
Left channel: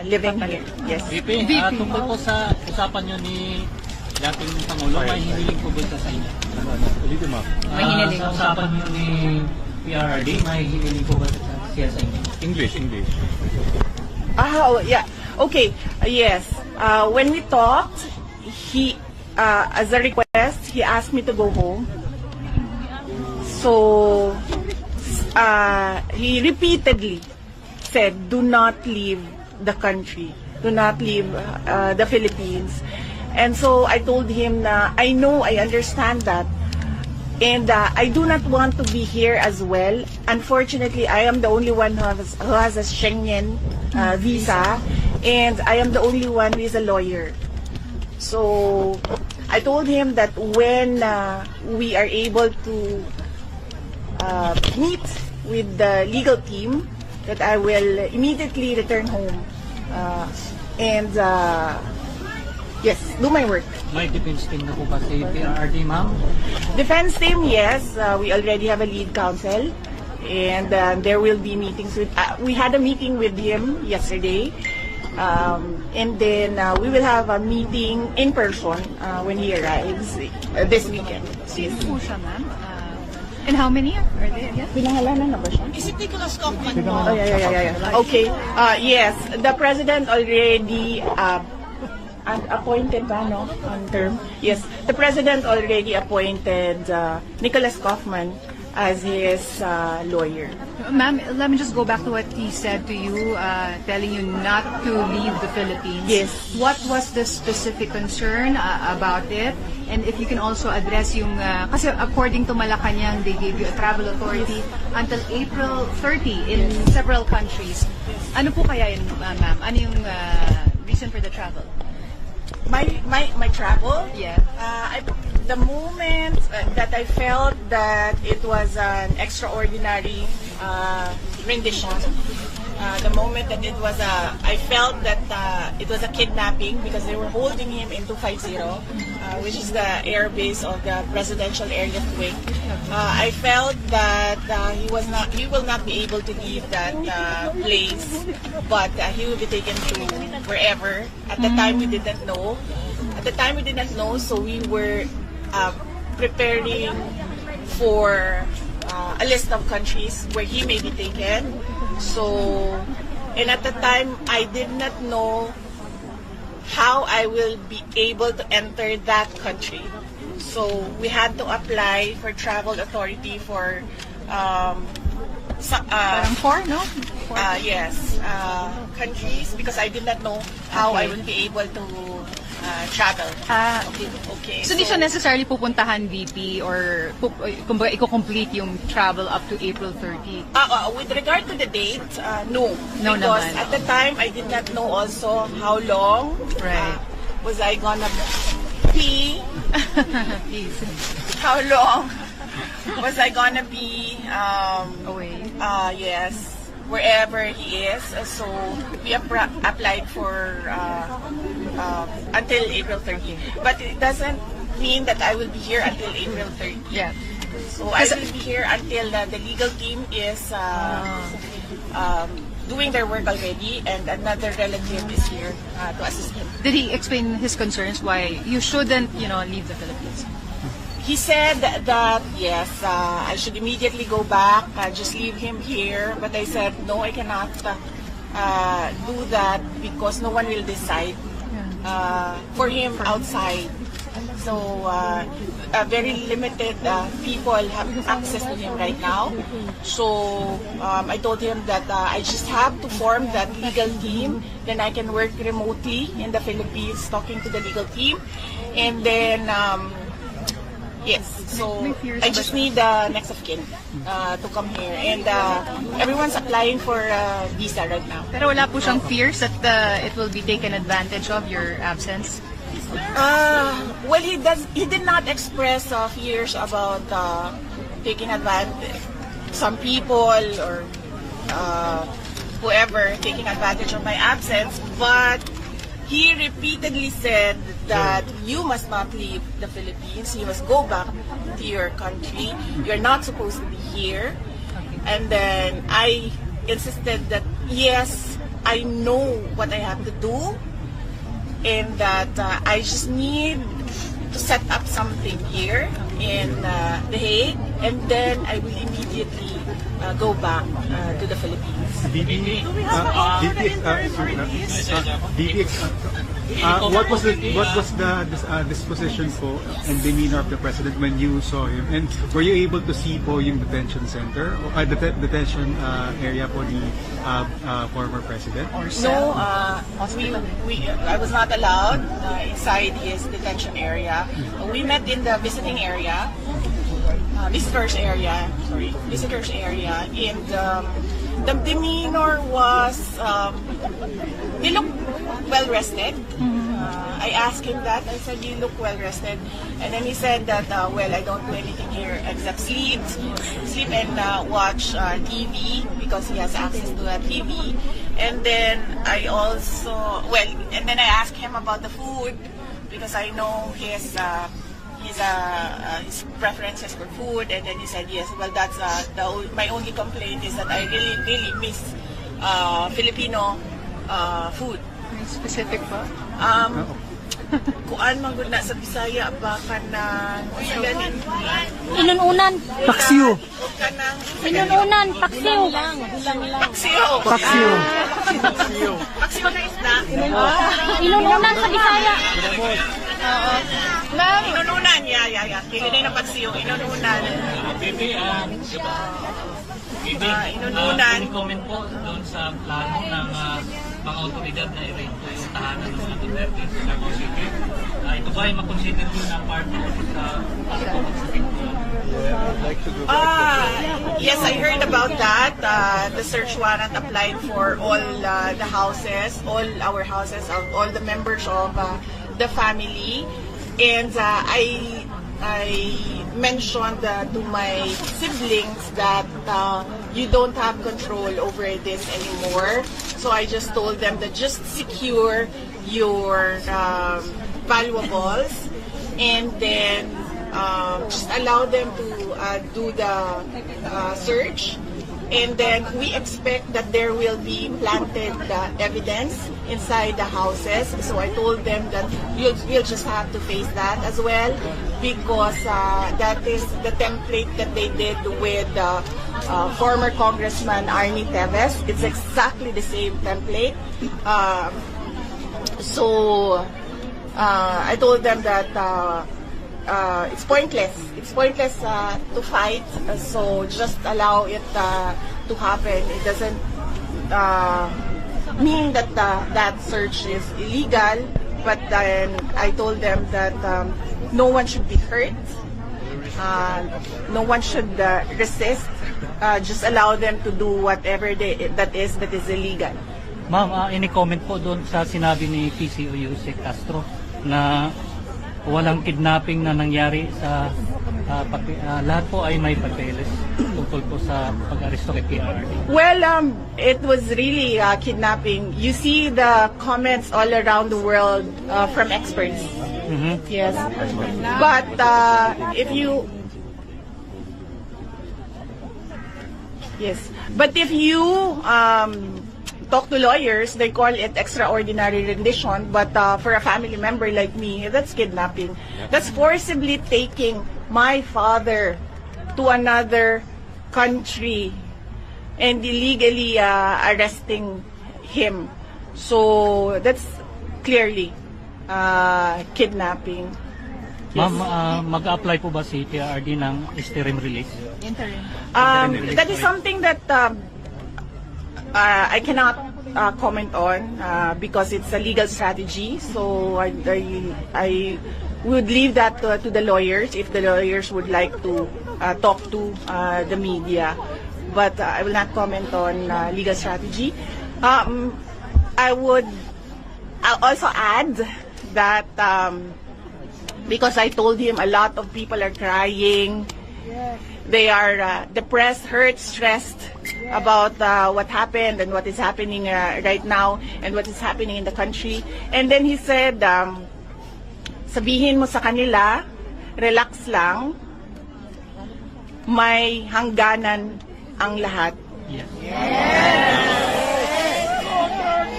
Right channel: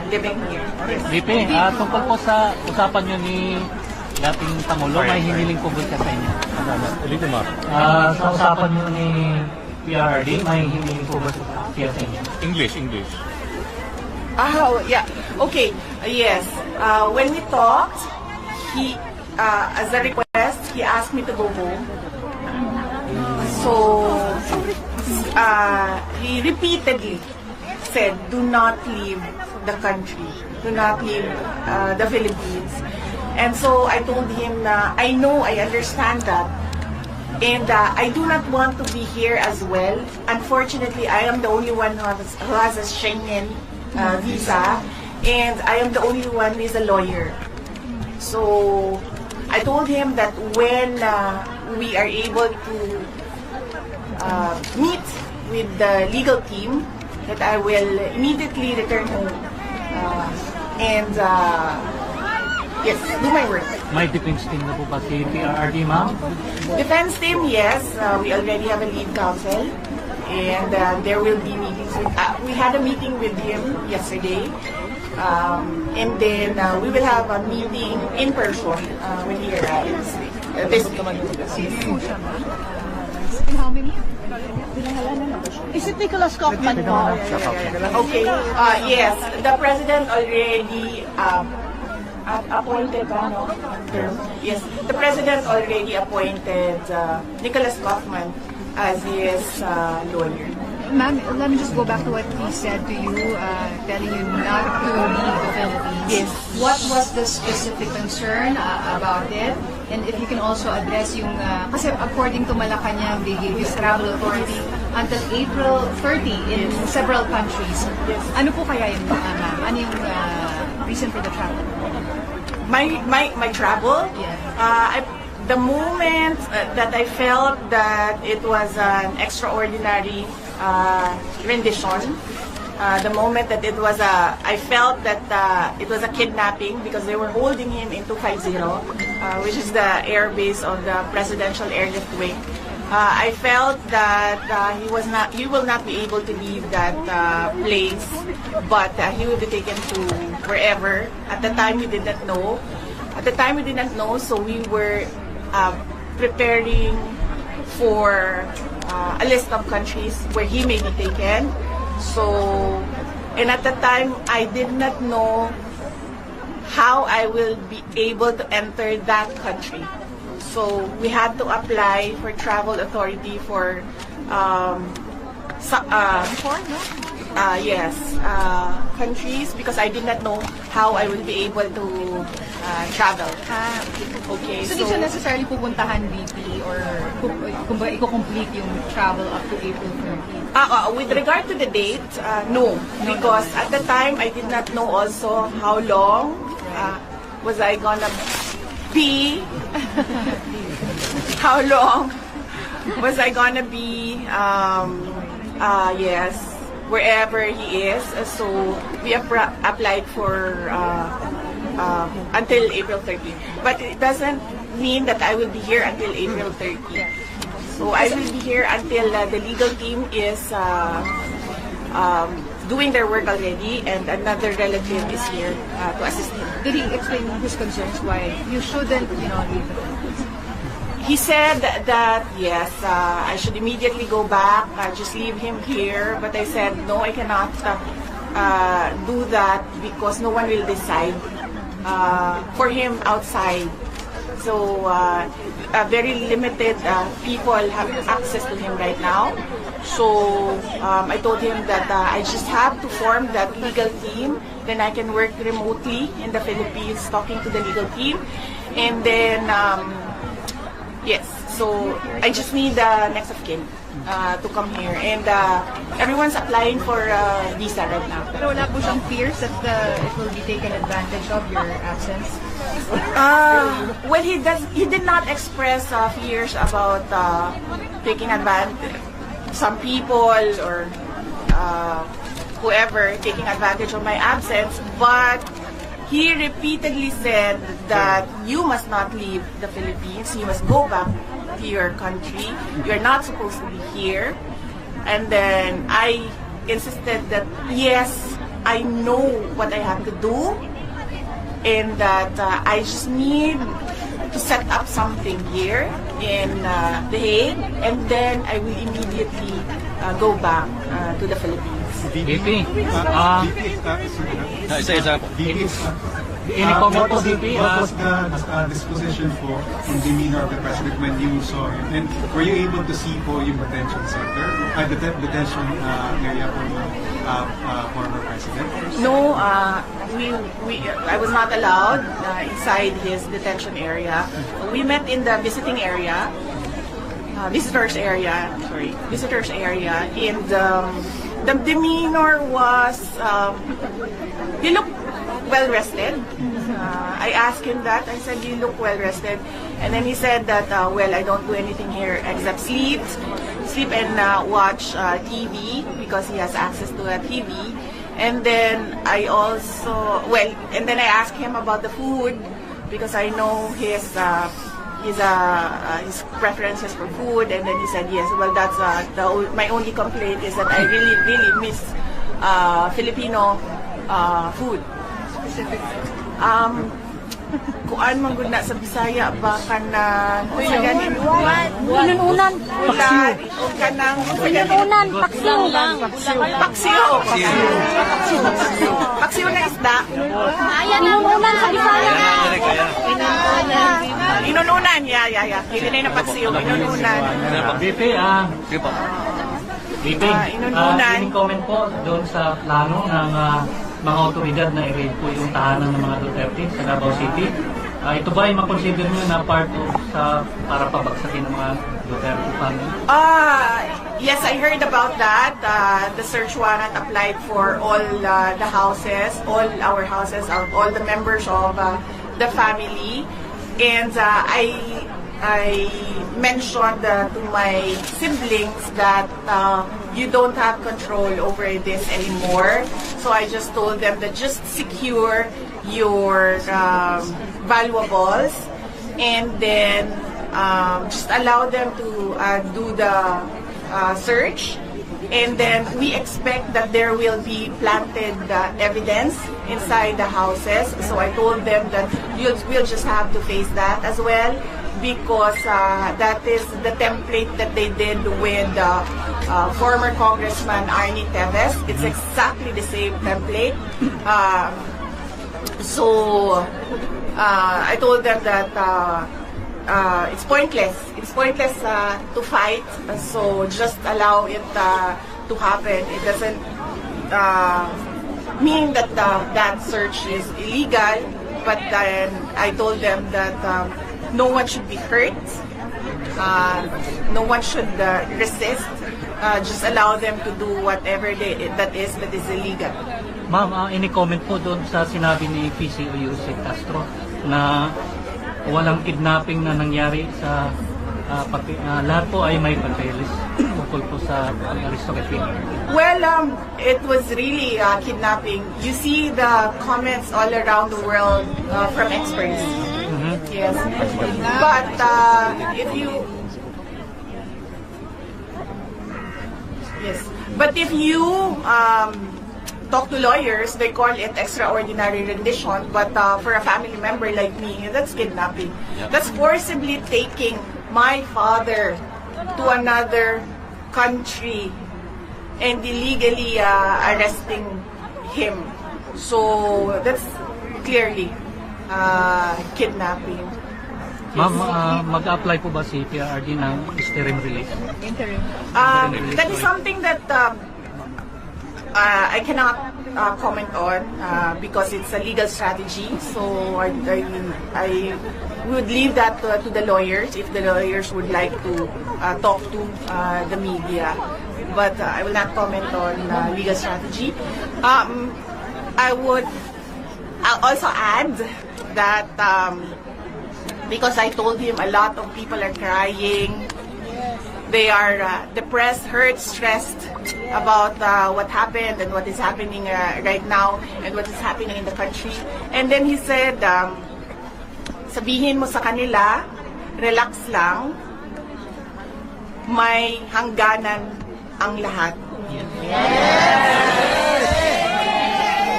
living here. Yes. VP, tungkol po sa usapan nyo ni dating Pangulo, may hiniling po ba sa inyo? Sa usapan nyo ni PRRD, may hiniling po ba siya sa inyo? English. Oh, yeah. Okay. Yes. When we talked, he, as a request, he asked me to go home. So, he repeatedly said, do not leave the country. Do not leave the Philippines. And so I told him na I know, I understand that. And I do not want to be here as well. Unfortunately, I am the only one who has a Schengen visa. And I am the only one who is a lawyer. So I told him that when we are able to meet with the legal team, that I will immediately return home and yes, do my work. May defense team na po ba si PRRD, ma'am? Defense team, yes. We already have a lead counsel. And there will be meetings with, we had a meeting with him yesterday. And then we will have a meeting in person when he arrives this weekend. And how many? Is it Nicholas Kaufman? Okay. Yes, the president already appointed term. Yes, the president already appointed Nicholas Kaufman as his lawyer. Ma'am, let me just go back to what he said to you, telling you not to leave the Philippines. Yes. What was the specific concern about it? And if you can also address yung, kasi according to Malacanang, they gave you travel authority until April 30 in several countries. Yes. Ano po kaya yun, ma'am? Ano yung reason for the travel? My travel? Yeah. The moment that I felt that it was an extraordinary rendition, the moment that it was I felt that it was a kidnapping because they were holding him in 250, which is the air base of the presidential airlift wing. I felt that he will not be able to leave that place, but he will be taken to wherever. At the time we did not know. So we were preparing for a list of countries where he may be taken. So, and at the time, I did not know how I will be able to enter that country. So, we had to apply for travel authority for countries because I did not know how I would be able to travel. Okay. So, di siya necessarily pupuntahan, VP, or kumbaga i-complete yung travel up to April 30? With regard to the date, no. No Because naman. at the time, I did not know also how long Right. was I gonna be, how long was I gonna be, yes, wherever he is. So we applied for until April 30. But it doesn't mean that I will be here until April 30. Yeah. So I will be here until the legal team is doing their work already, and another relative is here to assist him. Did he explain his concerns why you shouldn't, leave the Philippines? He said that yes, I should immediately go back, just leave him here. But I said no, I cannot do that because no one will decide for him outside. So very limited people have access to him right now. So I told him that I just have to form that legal team. Then I can work remotely in the Philippines, talking to the legal team, and then. Yes, so I just need the next of kin to come here. And everyone's applying for visa right now. Pero wala po siyang fears that it will be taken advantage of, your absence? Well, he did not express fears about taking advantage. Some people or whoever taking advantage of my absence, but he repeatedly said that you must not leave the Philippines. You must go back to your country. You're not supposed to be here. And then I insisted that yes, I know what I have to do, and that I just need to set up something here in The Hague, and then I will immediately go back to the Philippines. VP, What was the disposition po and demeanor of the President when you saw him? And were you able to see po yung detention center, detention area for the former President? No, I was not allowed inside his detention area. We met in the visiting area, visitors area, and the demeanor was, he looked well rested. I asked him that. I said, "You look well rested," and then he said that, "Well, I don't do anything here except sleep and watch TV because he has access to a TV." And then I asked him about the food because I know his preferences for food, and then he said yes. Well, that's my only complaint is that I really miss Filipino food. Specific. Kuan man gud na sa Bisaya ba kanang Inununan. paksiw Inununan. paksiw na isda. Ayan, inununan sa Bisaya. Inununan, yeah. Hindi na paksiw, inununan. VP, inununan. any comment po doon sa plano ng mga otoridad na i-raid po yung tahanan ng mga Duterte sa Davao City? Ito ba ay makonsider nyo na part sa para pabagsakin ng mga Duterte family? Yes, I heard about that. The search warrant applied for all the houses, all our houses, all the members of the family. And I mentioned to my siblings that you don't have control over this anymore. So I just told them that just secure your valuables, and then just allow them to do the search. And then we expect that there will be planted evidence inside the houses. So I told them that we'll just have to face that as well, because that is the template that they did with former Congressman Arnie Teves. It's exactly the same template. So I told them that it's pointless. It's pointless to fight. So just allow it to happen. It doesn't mean that that search is illegal. But then I told them that no one should be hurt. No one should resist. Just allow them to do whatever that is illegal. Ma'am, any comment po doon sa sinabi ni PCO Yusek Castro na walang kidnapping na nangyari sa lahat po ay may papeles tungkol po sa pag-aristo kay PRD? Well, it was really kidnapping. You see the comments all around the world from experts. Yes, but if you talk to lawyers, they call it extraordinary rendition. But for a family member like me, that's kidnapping. That's forcibly taking my father to another country and illegally arresting him. So that's clearly kidnapping. Ma'am, mag-apply po ba si PRD ng interim release? That is something that I cannot comment on because it's a legal strategy. So I would leave that to the lawyers if the lawyers would like to talk to the media. But I will not comment on legal strategy. I would also add that because I told him a lot of people are crying. They are depressed, hurt, stressed about what happened and what is happening right now and what is happening in the country. And then he said, sabihin mo sa kanila, relax lang, may hangganan ang lahat.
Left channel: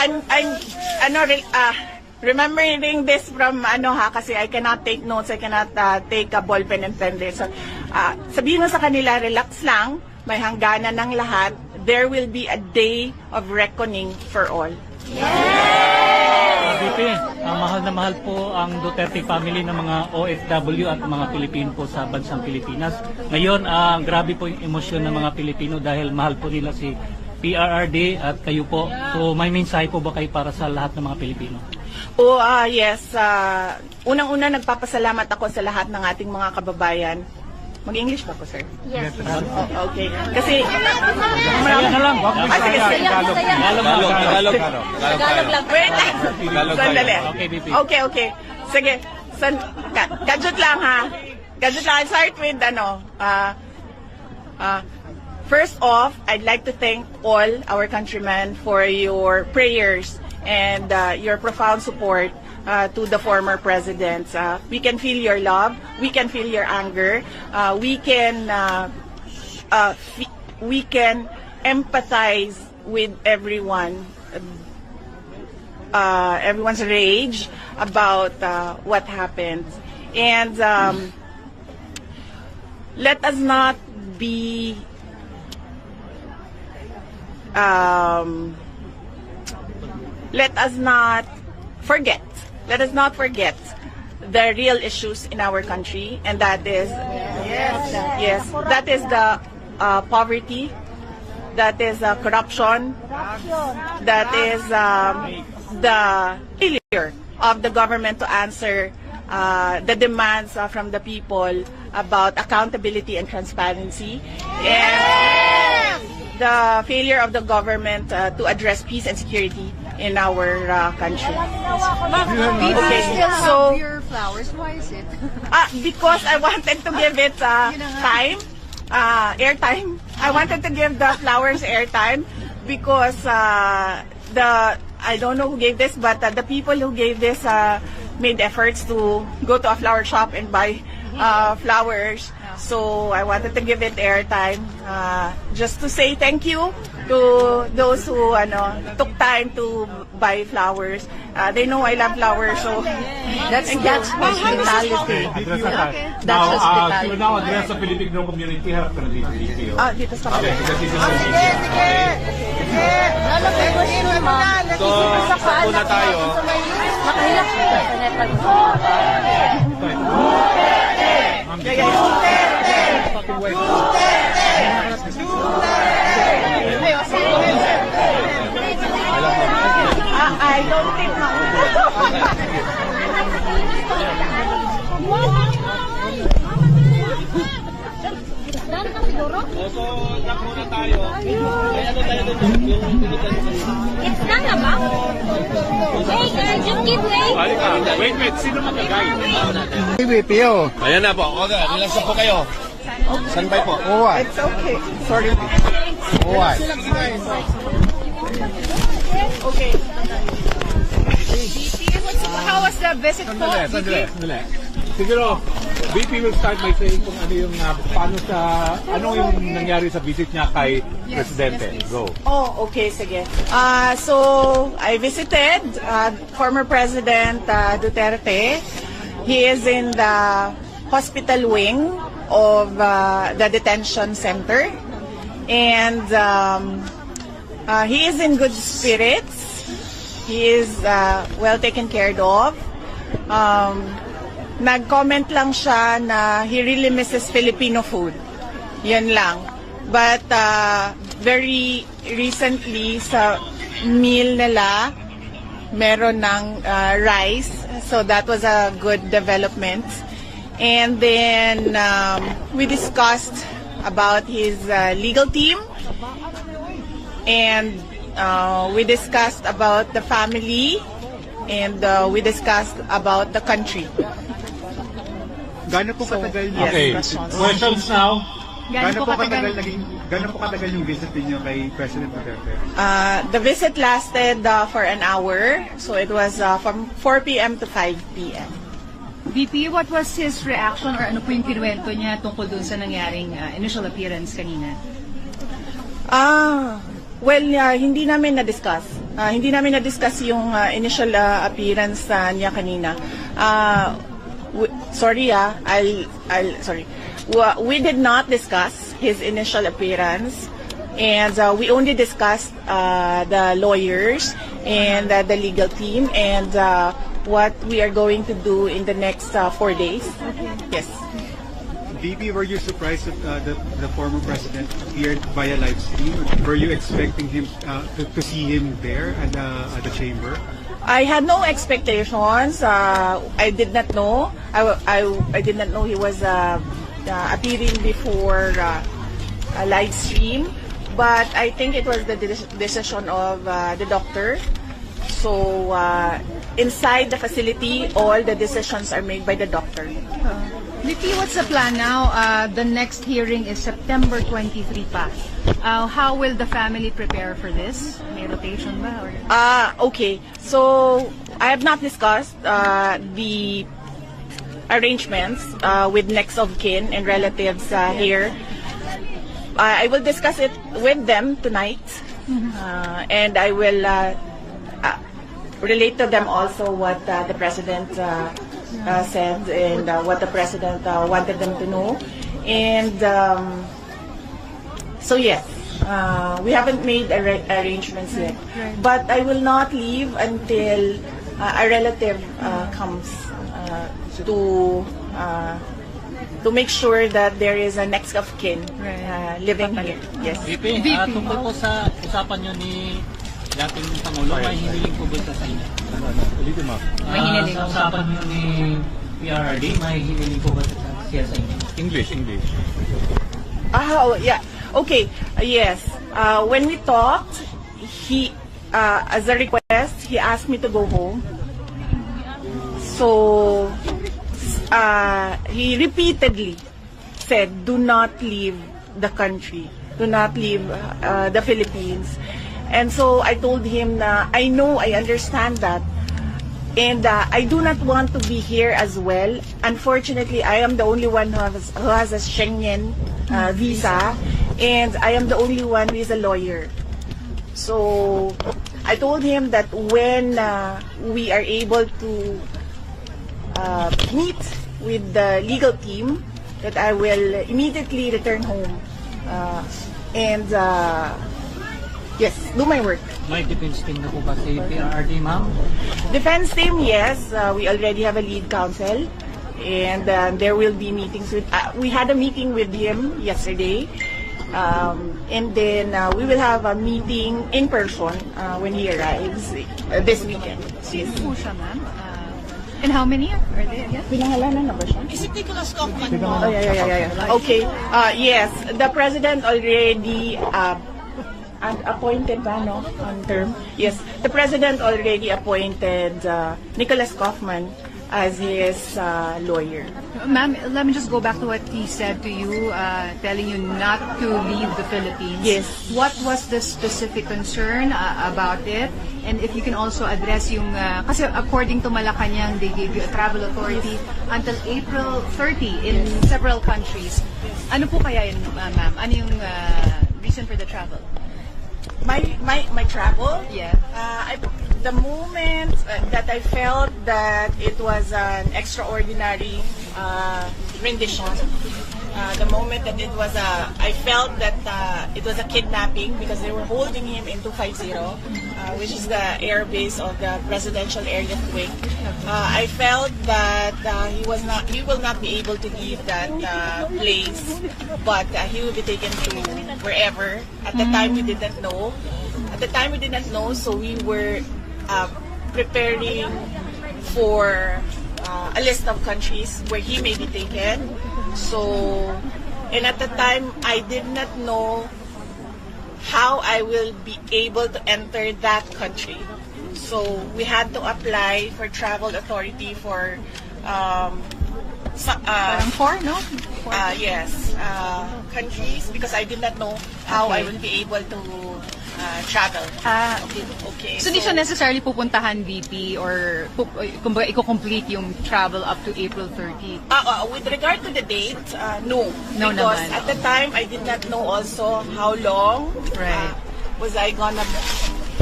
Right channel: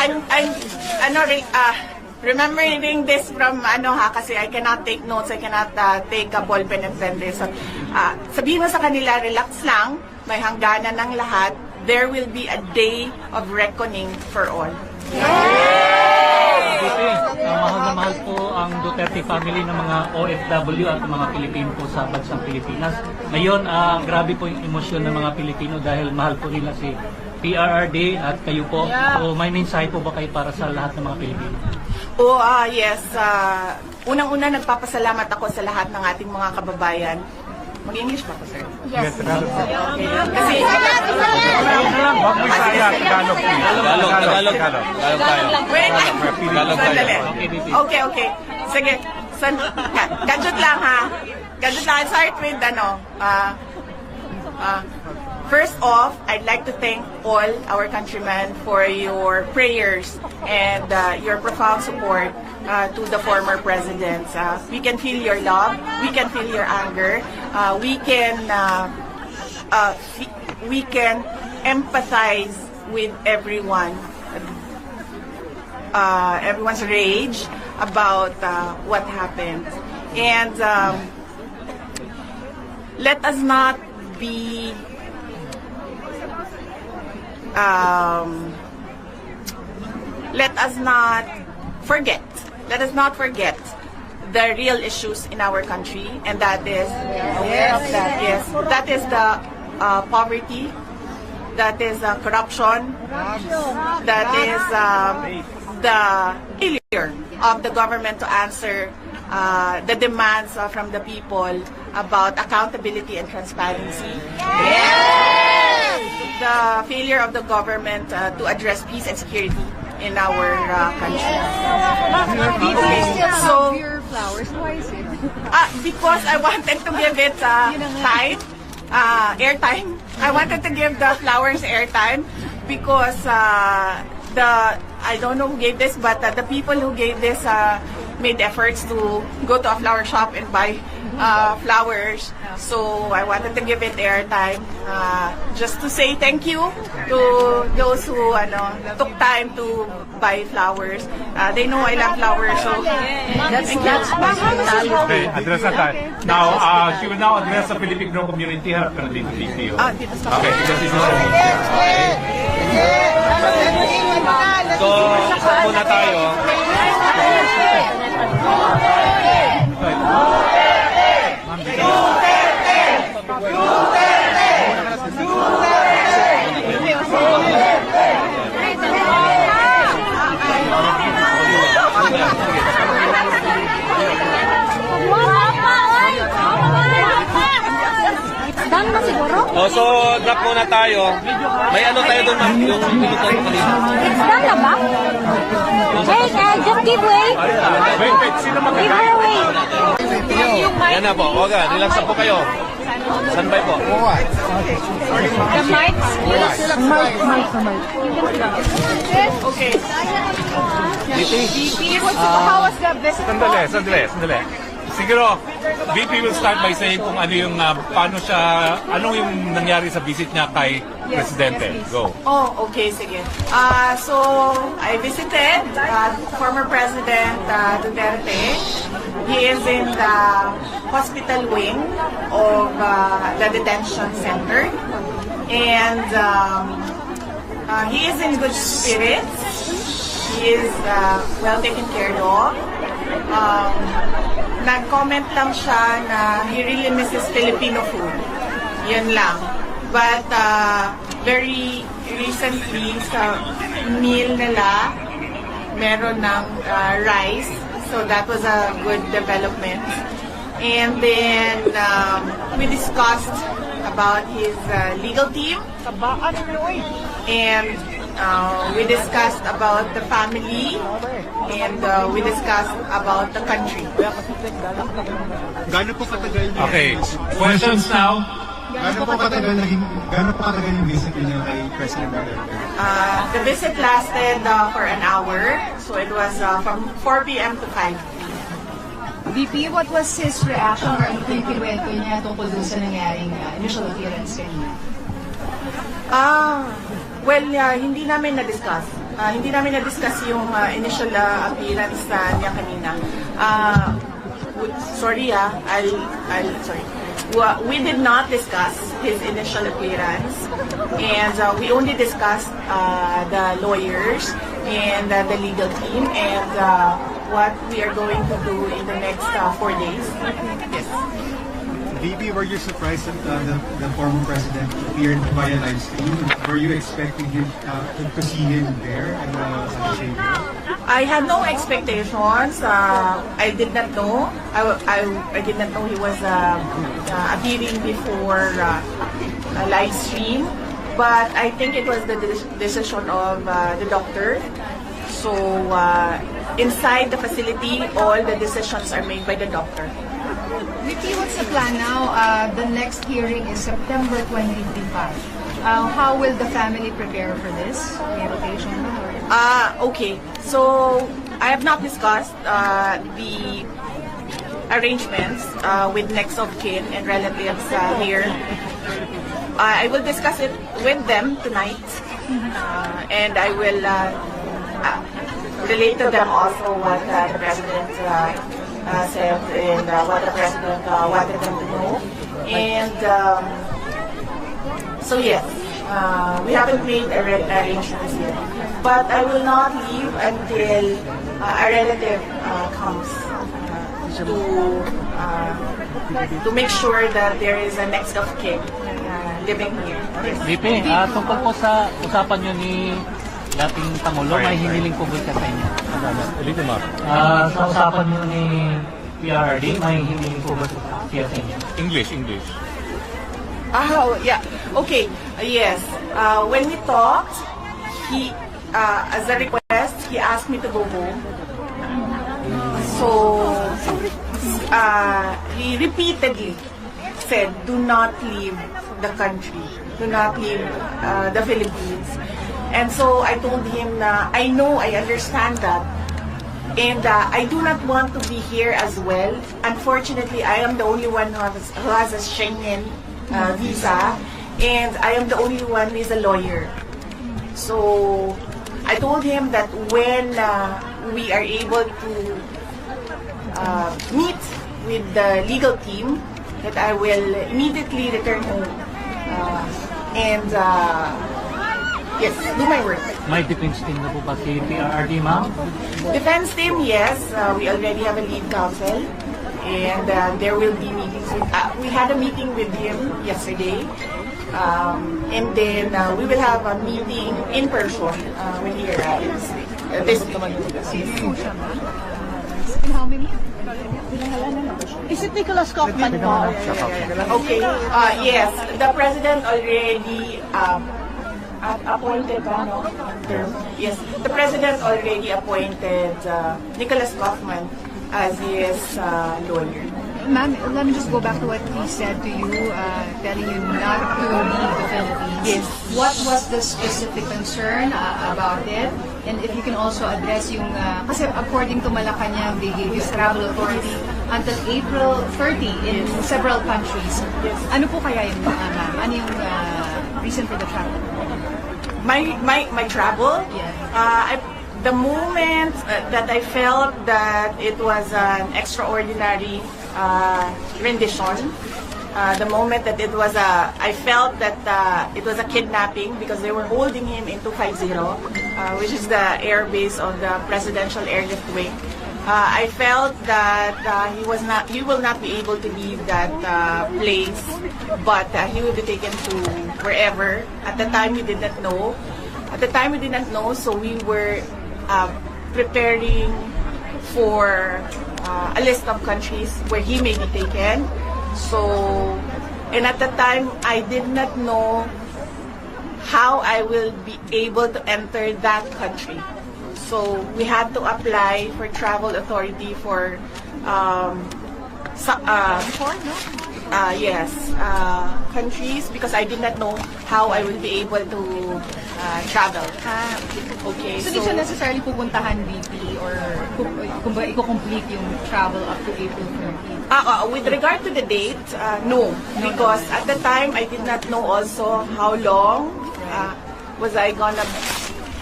remembering this from kasi I cannot take notes, I cannot take a ball pen and pen this. So, sabihin mo sa kanila, relax lang, may hangganan ng lahat. There will be a day of reckoning for all. Mahal na mahal po ang Duterte family ng mga OFW at mga Pilipino po sa bansang Pilipinas. Ngayon, grabe po yung emosyon ng mga Pilipino dahil mahal po nila si PRRD at kayo po. So may mensahe po ba kayo para sa lahat ng mga Pilipino? Yes. Unang-una, nagpapasalamat ako sa lahat ng ating mga kababayan. Mag-English pa po, sir? Yes. Okay. Kasi... Tagalog lang. Wait. Sandali. Okay. Sige. Gadget lang, ha? Gadget lang. I'll start with, first off, I'd like to thank all our countrymen for your prayers and your profound support to the former presidents. We can feel your love, we can feel your anger, we can empathize with everyone's rage about what happened. And let us not be let us not forget the real issues in our country, and that is that is the poverty, that is corruption, that is the failure of the government to answer the demands from the people about accountability and transparency. The failure of the government to address peace and security in our country. Okay, so Your flowers, why is it? because I wanted to give it time, airtime. I wanted to give the flowers airtime because I don't know who gave this, but the people who gave this made efforts to go to a flower shop and buy flowers. So I wanted to give it airtime, just to say thank you to those who took time to buy flowers. They know I love flowers, so thank you. Okay, address agad. Now, you will now address the Filipino community. Harap ka na dito, TPO. Dito sa Okay, because this is a media. Okay. So, isa muna tayo. Done na siguro? So, drop muna tayo. May ano tayo doon? It's done na ba? Hey, just give way. Wait. Sino Give magkakain? her way. Ayan na po. Okay, relax po kayo. Standby po. The mics. Okay. VP, how was the visit po? Sandali. Siguro, VP will start by saying kung ano yung, ano yung nangyari sa visit niya kay Presidente. Go. Okay, sige. So, I visited former President Duterte. He is in the hospital wing of the detention center. And he is in good spirits. He is well taken care of. Nag-comment lang siya na he really misses Filipino food. Yan lang. But very recently sa meal nila, meron ng rice. So that was a good development. And then we discussed about his legal team. And we discussed about the family. And we discussed about the country. Gano'n po katagal Okay. Questions now? Gano'n po katagal yung visit niyo kay President Duterte? The visit lasted for an hour. So it was from 4 p.m. to 5 p.m. VP, what was his reaction or ano po yung kinuwento niya tungkol dun sa nangyaring initial appearance kanina? Well, hindi namin na-discuss. Hindi namin na-discuss yung initial appearance niya kanina. Sorry. We did not discuss his initial appearance, and we only discussed the lawyers and the legal team and what we are going to do in the next 4 days. Yes. VP, were you surprised that the former president appeared via live stream? Were you expecting him to see him there at the chamber? I had no expectations. I did not know. I did not know he was appearing before a live stream. But I think it was the decision of the doctor. So inside the facility, all the decisions are made by the doctor. Vicky, what's the plan now? The next hearing is September 23 pa. How will the family prepare for this? May rotation ba? Okay. So I have not discussed the arrangements with next of kin and relatives here. I will discuss it with them tonight, and I will relate to them also what the president said and what the president wanted them to know. And so yes, we haven't made arrangements yet. But I will not leave until a relative comes to make sure that there is a next of kin living here. Yes. VP, tungkol po sa usapan nyo ni dating Pangulo, may hiniling po ba sa inyo? Sa usapan nyo ni PRRD, may hiniling po ba siya sa inyo? English. Oh, yeah. Okay. Yes. When we talked, he, as a request, he asked me to go home. So, he repeatedly said, do not leave the country. Do not leave the Philippines. And so I told him na I know, I understand that. And I do not want to be here as well. Unfortunately, I am the only one who has a Schengen visa. And I am the only one who is a lawyer. So I told him that when we are able to meet with the legal team, that I will immediately return home and yes, do my work. May defense team na po ba si PRRD, ma'am? Defense team, yes. We already have a lead counsel, and there will be meetings with. We had a meeting with him yesterday, and then we will have a meeting in person when he arrives this weekend. And how many are there? Is it Nicholas Kaufman? Okay. Yes, the president already appointed, term. Yes, the president already appointed Nicholas Kaufman as his lawyer. Ma'am, let me just go back to what he said to you, telling you not to leave the Philippines. Yes. What was the specific concern about it? And if you can also address yung, kasi according to Malacanang, they gave you travel authority until April 30 in several countries. Yes. Ano po kaya yun, ma'am? Ano yung reason for the travel? My travel? Yeah. The moment that I felt that it was an extraordinary rendition, the moment that it was I felt that it was a kidnapping because they were holding him in 250, which is the air base of the presidential airlift wing. I felt that he will not be able to leave that place, but he will be taken to wherever. At the time, we did not know. So we were preparing for a list of countries where he may be taken. So, and at the time, I did not know how I will be able to enter that country. So we had to apply for travel authority for countries because I did not know how I would be able to travel. Okay. So, di siya necessarily pupuntahan, VP, or i-complete yung travel up to April 30? With regard to the date, no. No Because naman. at the time, I did not know also how long Right. was I gonna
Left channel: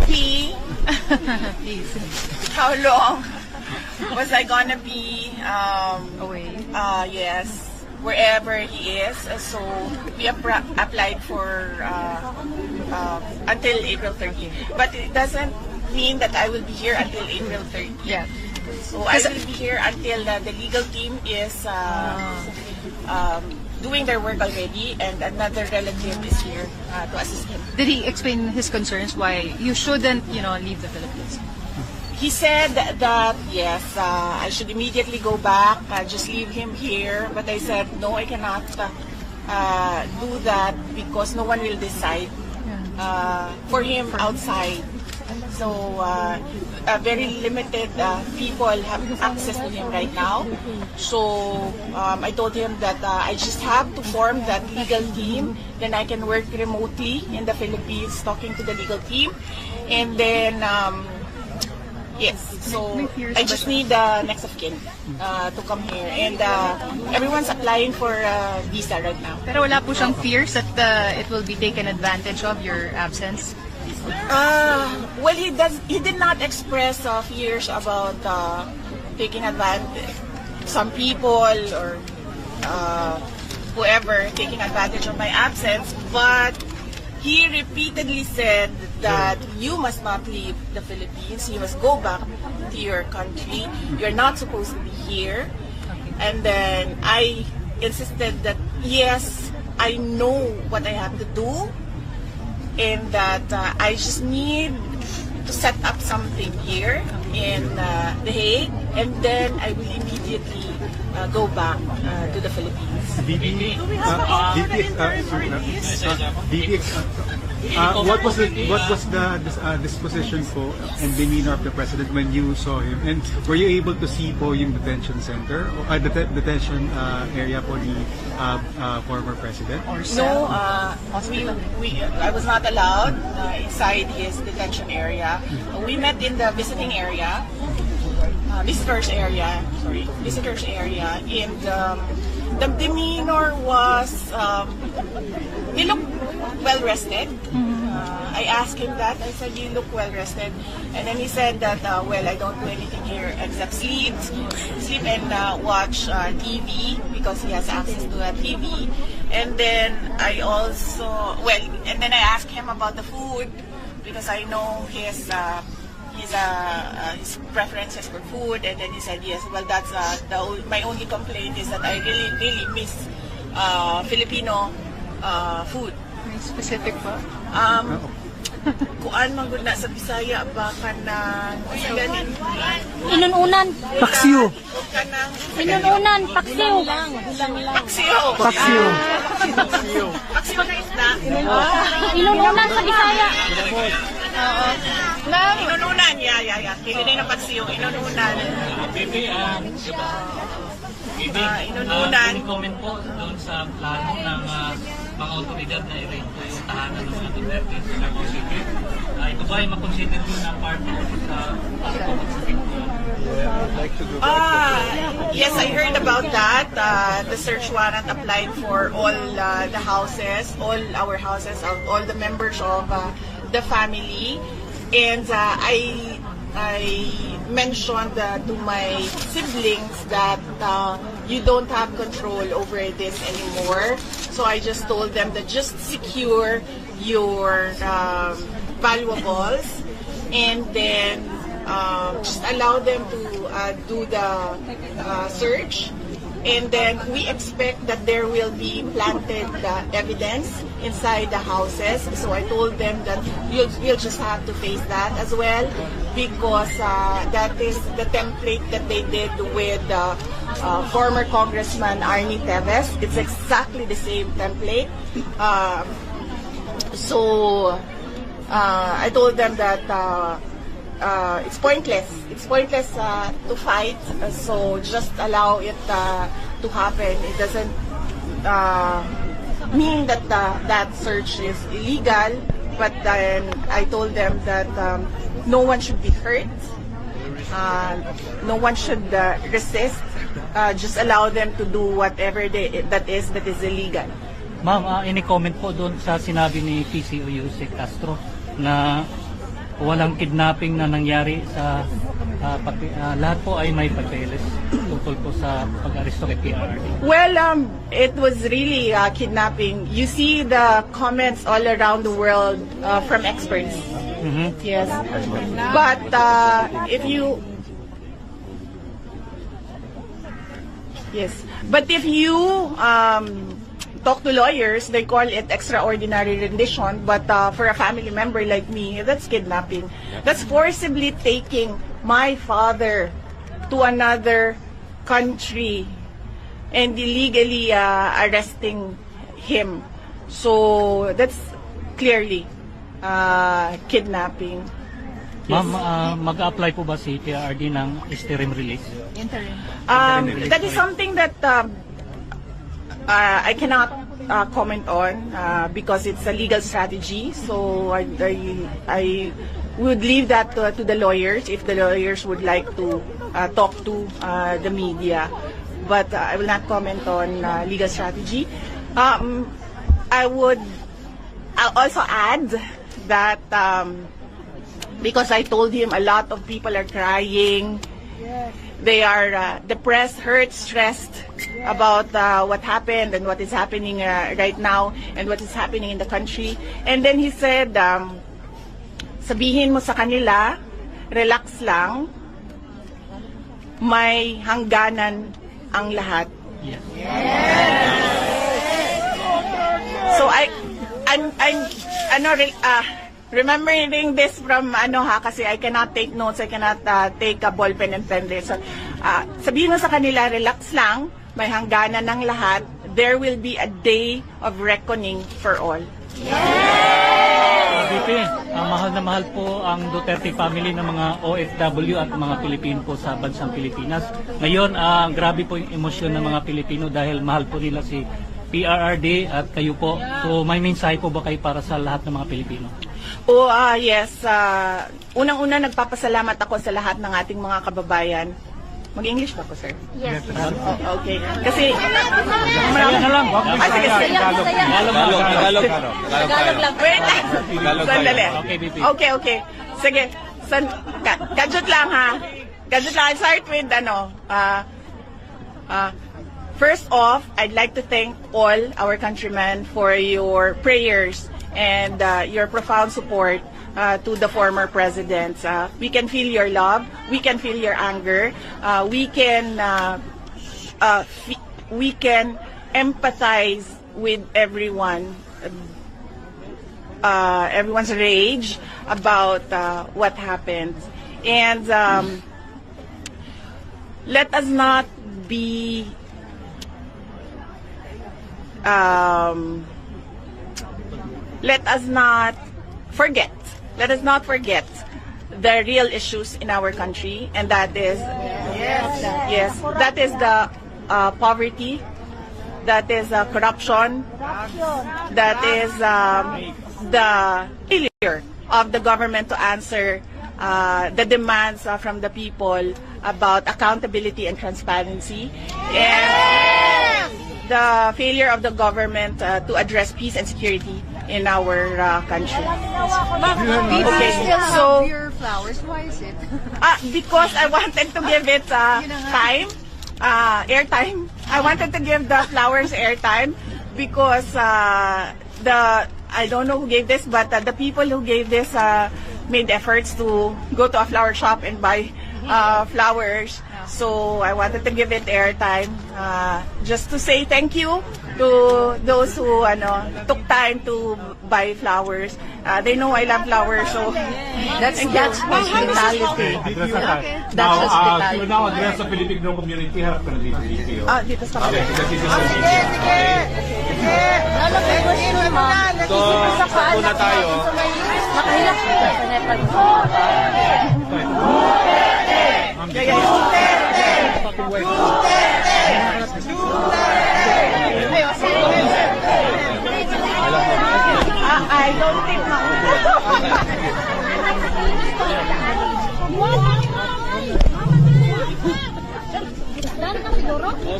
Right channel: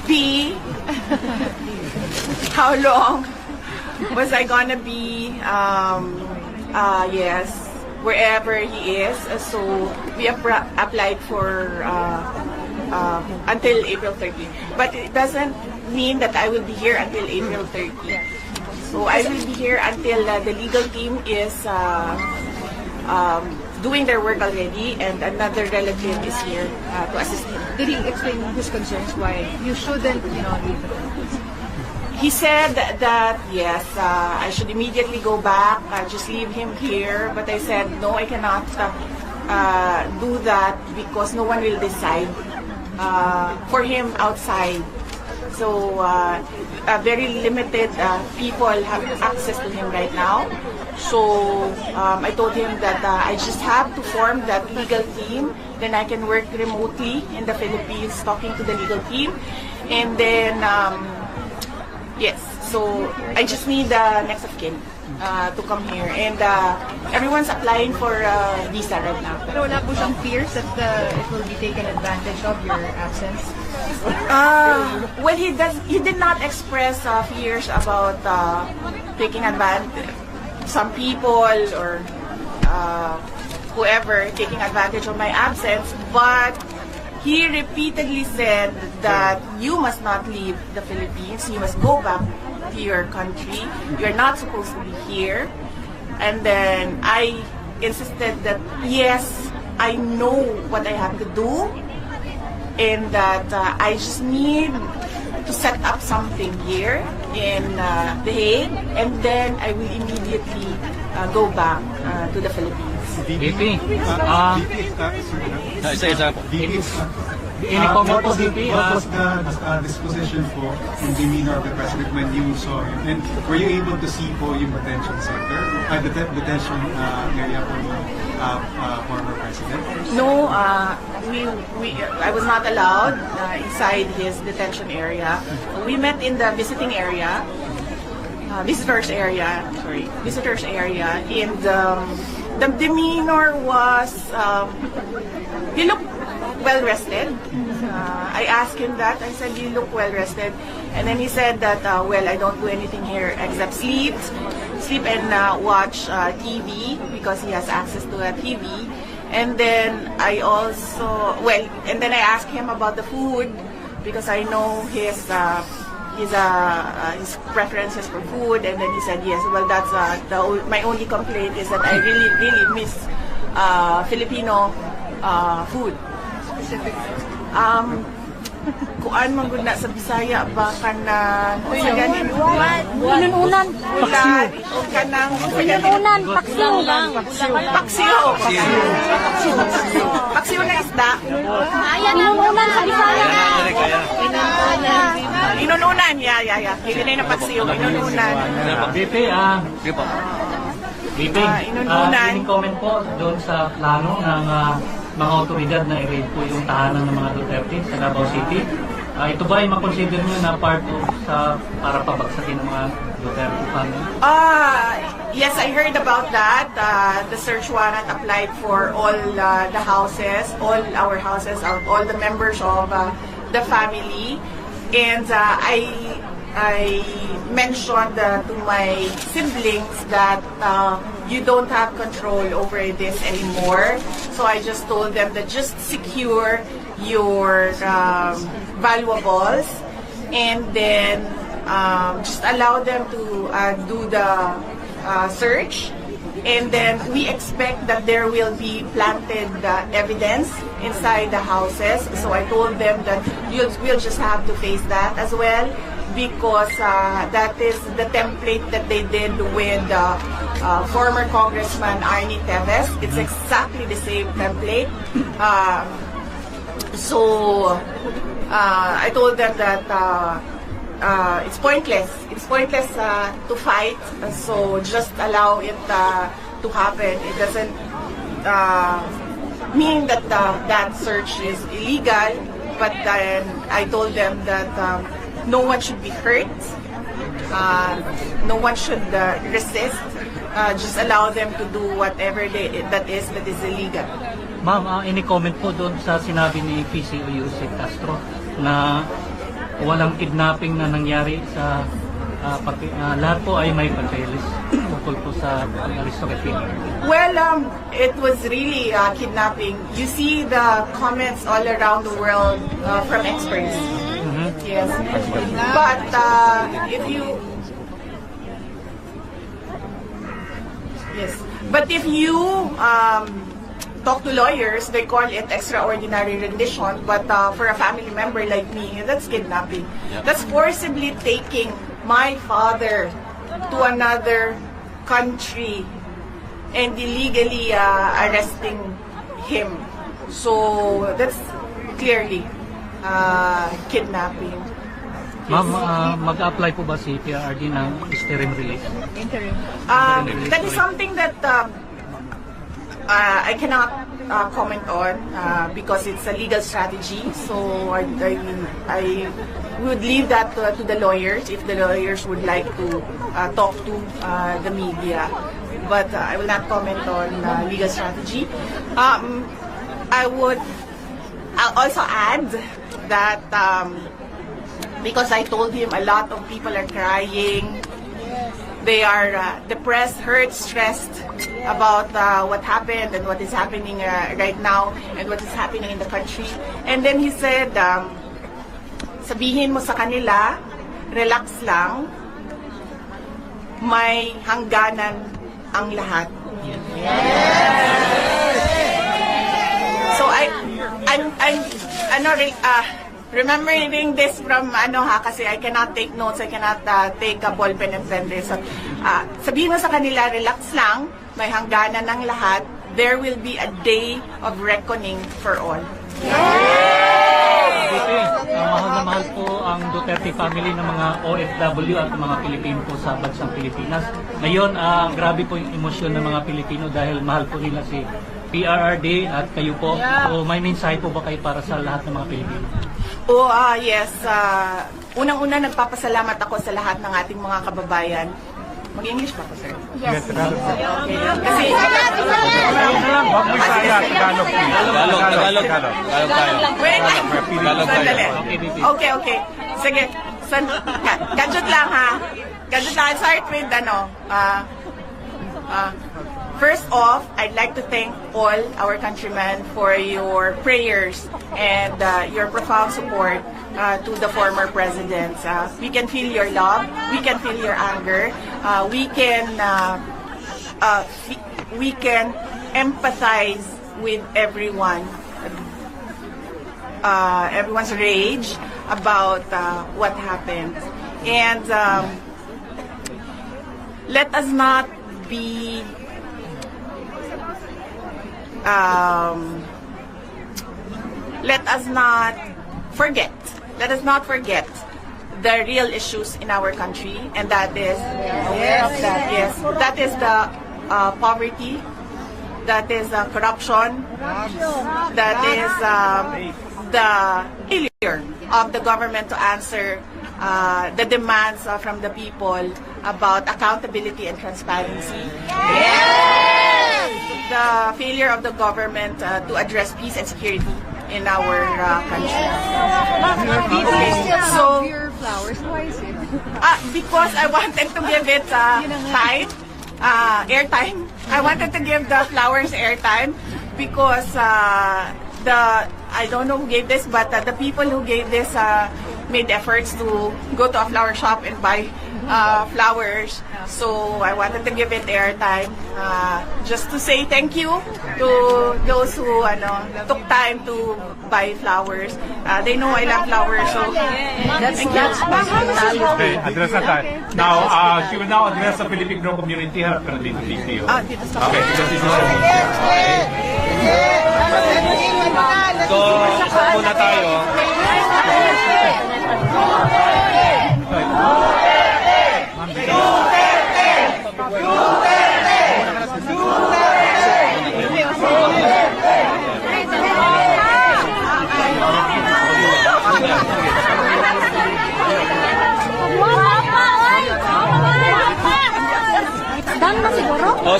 be? How long was I gonna be? Yes, wherever he is. So we applied for until April 30. But it doesn't mean that I will be here until April 30. Yeah. So I will be here until the legal team is doing their work already, and another relative is here to assist him. Did he explain his concerns why you shouldn't, leave the Philippines? He said that yes, I should immediately go back, just leave him here. But I said no, I cannot do that because no one will decide for him outside. So very limited people have access to him right now. So I told him that I just have to form that legal team. Then I can work remotely in the Philippines talking to the legal team. And then, yes, so I just need the next of kin to come here. And everyone's applying for visa right now. Pero wala po siyang fears that it will be taken advantage of your absence? Well, he did not express fears about taking advantage. Some people or whoever taking advantage of my absence, but he repeatedly said that you must not leave the Philippines. You must go back to your country. You're not supposed to be here. And then I insisted that yes, I know what I have to do, and that I just need to set up something here in The Hague, and then I will immediately go back to the Philippines. VP, What was the disposition po and demeanor of the President when you saw him? And were you able to see po yung detention center, detention area for the former President? No, I was not allowed inside his detention area. We met in the visiting area, visitors area, and the demeanor was, he looked well rested. I asked him that. I said, you look well rested. And then he said that, well, I don't do anything here except sleep and watch TV because he has access to a TV. And then I asked him about the food because I know his preferences for food. And then he said, yes, well, that's my only complaint is that I really miss Filipino food. Specific. Kuan man gud na sa Bisaya ba kanang Inununan. paksiw Inununan. Paksiw. Paksiw na isda. Ayan, inununan sa Bisaya. Inununan, yeah. Hindi na paksiw, inununan. VP, inununan. comment po doon sa plano ng mga otoridad na i-raid po yung tahanan ng mga Duterte sa Davao City. Ito ba ay makonsider nyo na part sa para pabagsakin ng mga Duterte? Yes, I heard about that. The search warrant applied for all the houses, all our houses, all the members of the family. And I mentioned to my siblings that you don't have control over this anymore. So I just told them that just secure your valuables, and then just allow them to do the search. And then we expect that there will be planted evidence inside the houses. So I told them that we'll just have to face that as well, because that is the template that they did with former Congressman Arnie Teves. It's exactly the same template. So I told them that it's pointless. It's pointless to fight. So just allow it to happen. It doesn't mean that that search is illegal. But then I told them that no one should be hurt. No one should resist. Just allow them to do whatever that is illegal. Ma'am, any comment po doon sa sinabi ni PCO Yusek Castro na walang kidnapping na nangyari sa lahat po ay may pagtiris tungkol po sa pag-aristo kay PRRD. Well, it was really kidnapping. You see the comments all around the world from experts. Yes. But if you talk to lawyers, they call it extraordinary rendition. But for a family member like me, that's kidnapping. That's forcibly taking my father to another country and illegally arresting him. So that's clearly kidnapping. Ma'am, mag-apply po ba si PRRD ng interim release? That is something that I cannot comment on because it's a legal strategy. So I would leave that to the lawyers if the lawyers would like to talk to the media. But I will not comment on legal strategy. I'll also add that because I told him a lot of people are crying. They are depressed, hurt, stressed about what happened and what is happening right now and what is happening in the country. And then he said, sabihin mo sa kanila, relax lang, may hangganan ang lahat. So I'm remembering this from kasi I cannot take notes, I cannot take a ball pen and pen this. So, sabihin mo sa kanila, relax lang, may hangganan ng lahat. There will be a day of reckoning for all. Mahal na mahal po ang Duterte family ng mga OFW at mga Pilipino po sa bansang Pilipinas. Ngayon, grabe po yung emosyon ng mga Pilipino dahil mahal po nila si PRRD at kayo po. So may mensahe po ba kayo para sa lahat ng mga Pilipino? Yes. Unang-una, nagpapasalamat ako sa lahat ng ating mga kababayan. Mag-English ka po, sir? Yes. Okay. Kasi... Okay. Sige. Gadget lang, ha? Gadget lang. I'll start with, first off, I'd like to thank all our countrymen for your prayers and your profound support to the former presidents. We can feel your love, we can feel your anger, we can empathize with everyone's rage about what happened. And let us not be let us not forget the real issues in our country, and that is that is the poverty, that is corruption, that is the failure of the government to answer the demands from the people about accountability and transparency. The failure of the government to address peace and security in our country. Okay, so your flowers, why is it? Because I wanted to give it time, airtime. I wanted to give the flowers airtime because I don't know who gave this, but the people who gave this made efforts to go to a flower shop and buy flowers. So I wanted to give it airtime, just to say thank you to those who took time to buy flowers. They know I love flowers, so that's Okay, address na tayo. Now, she will now address the Filipino community. Harap ka na dito, DPO. dito sa Okay, because this is a media. Okay. So, isa muna tayo. Done na siguro? So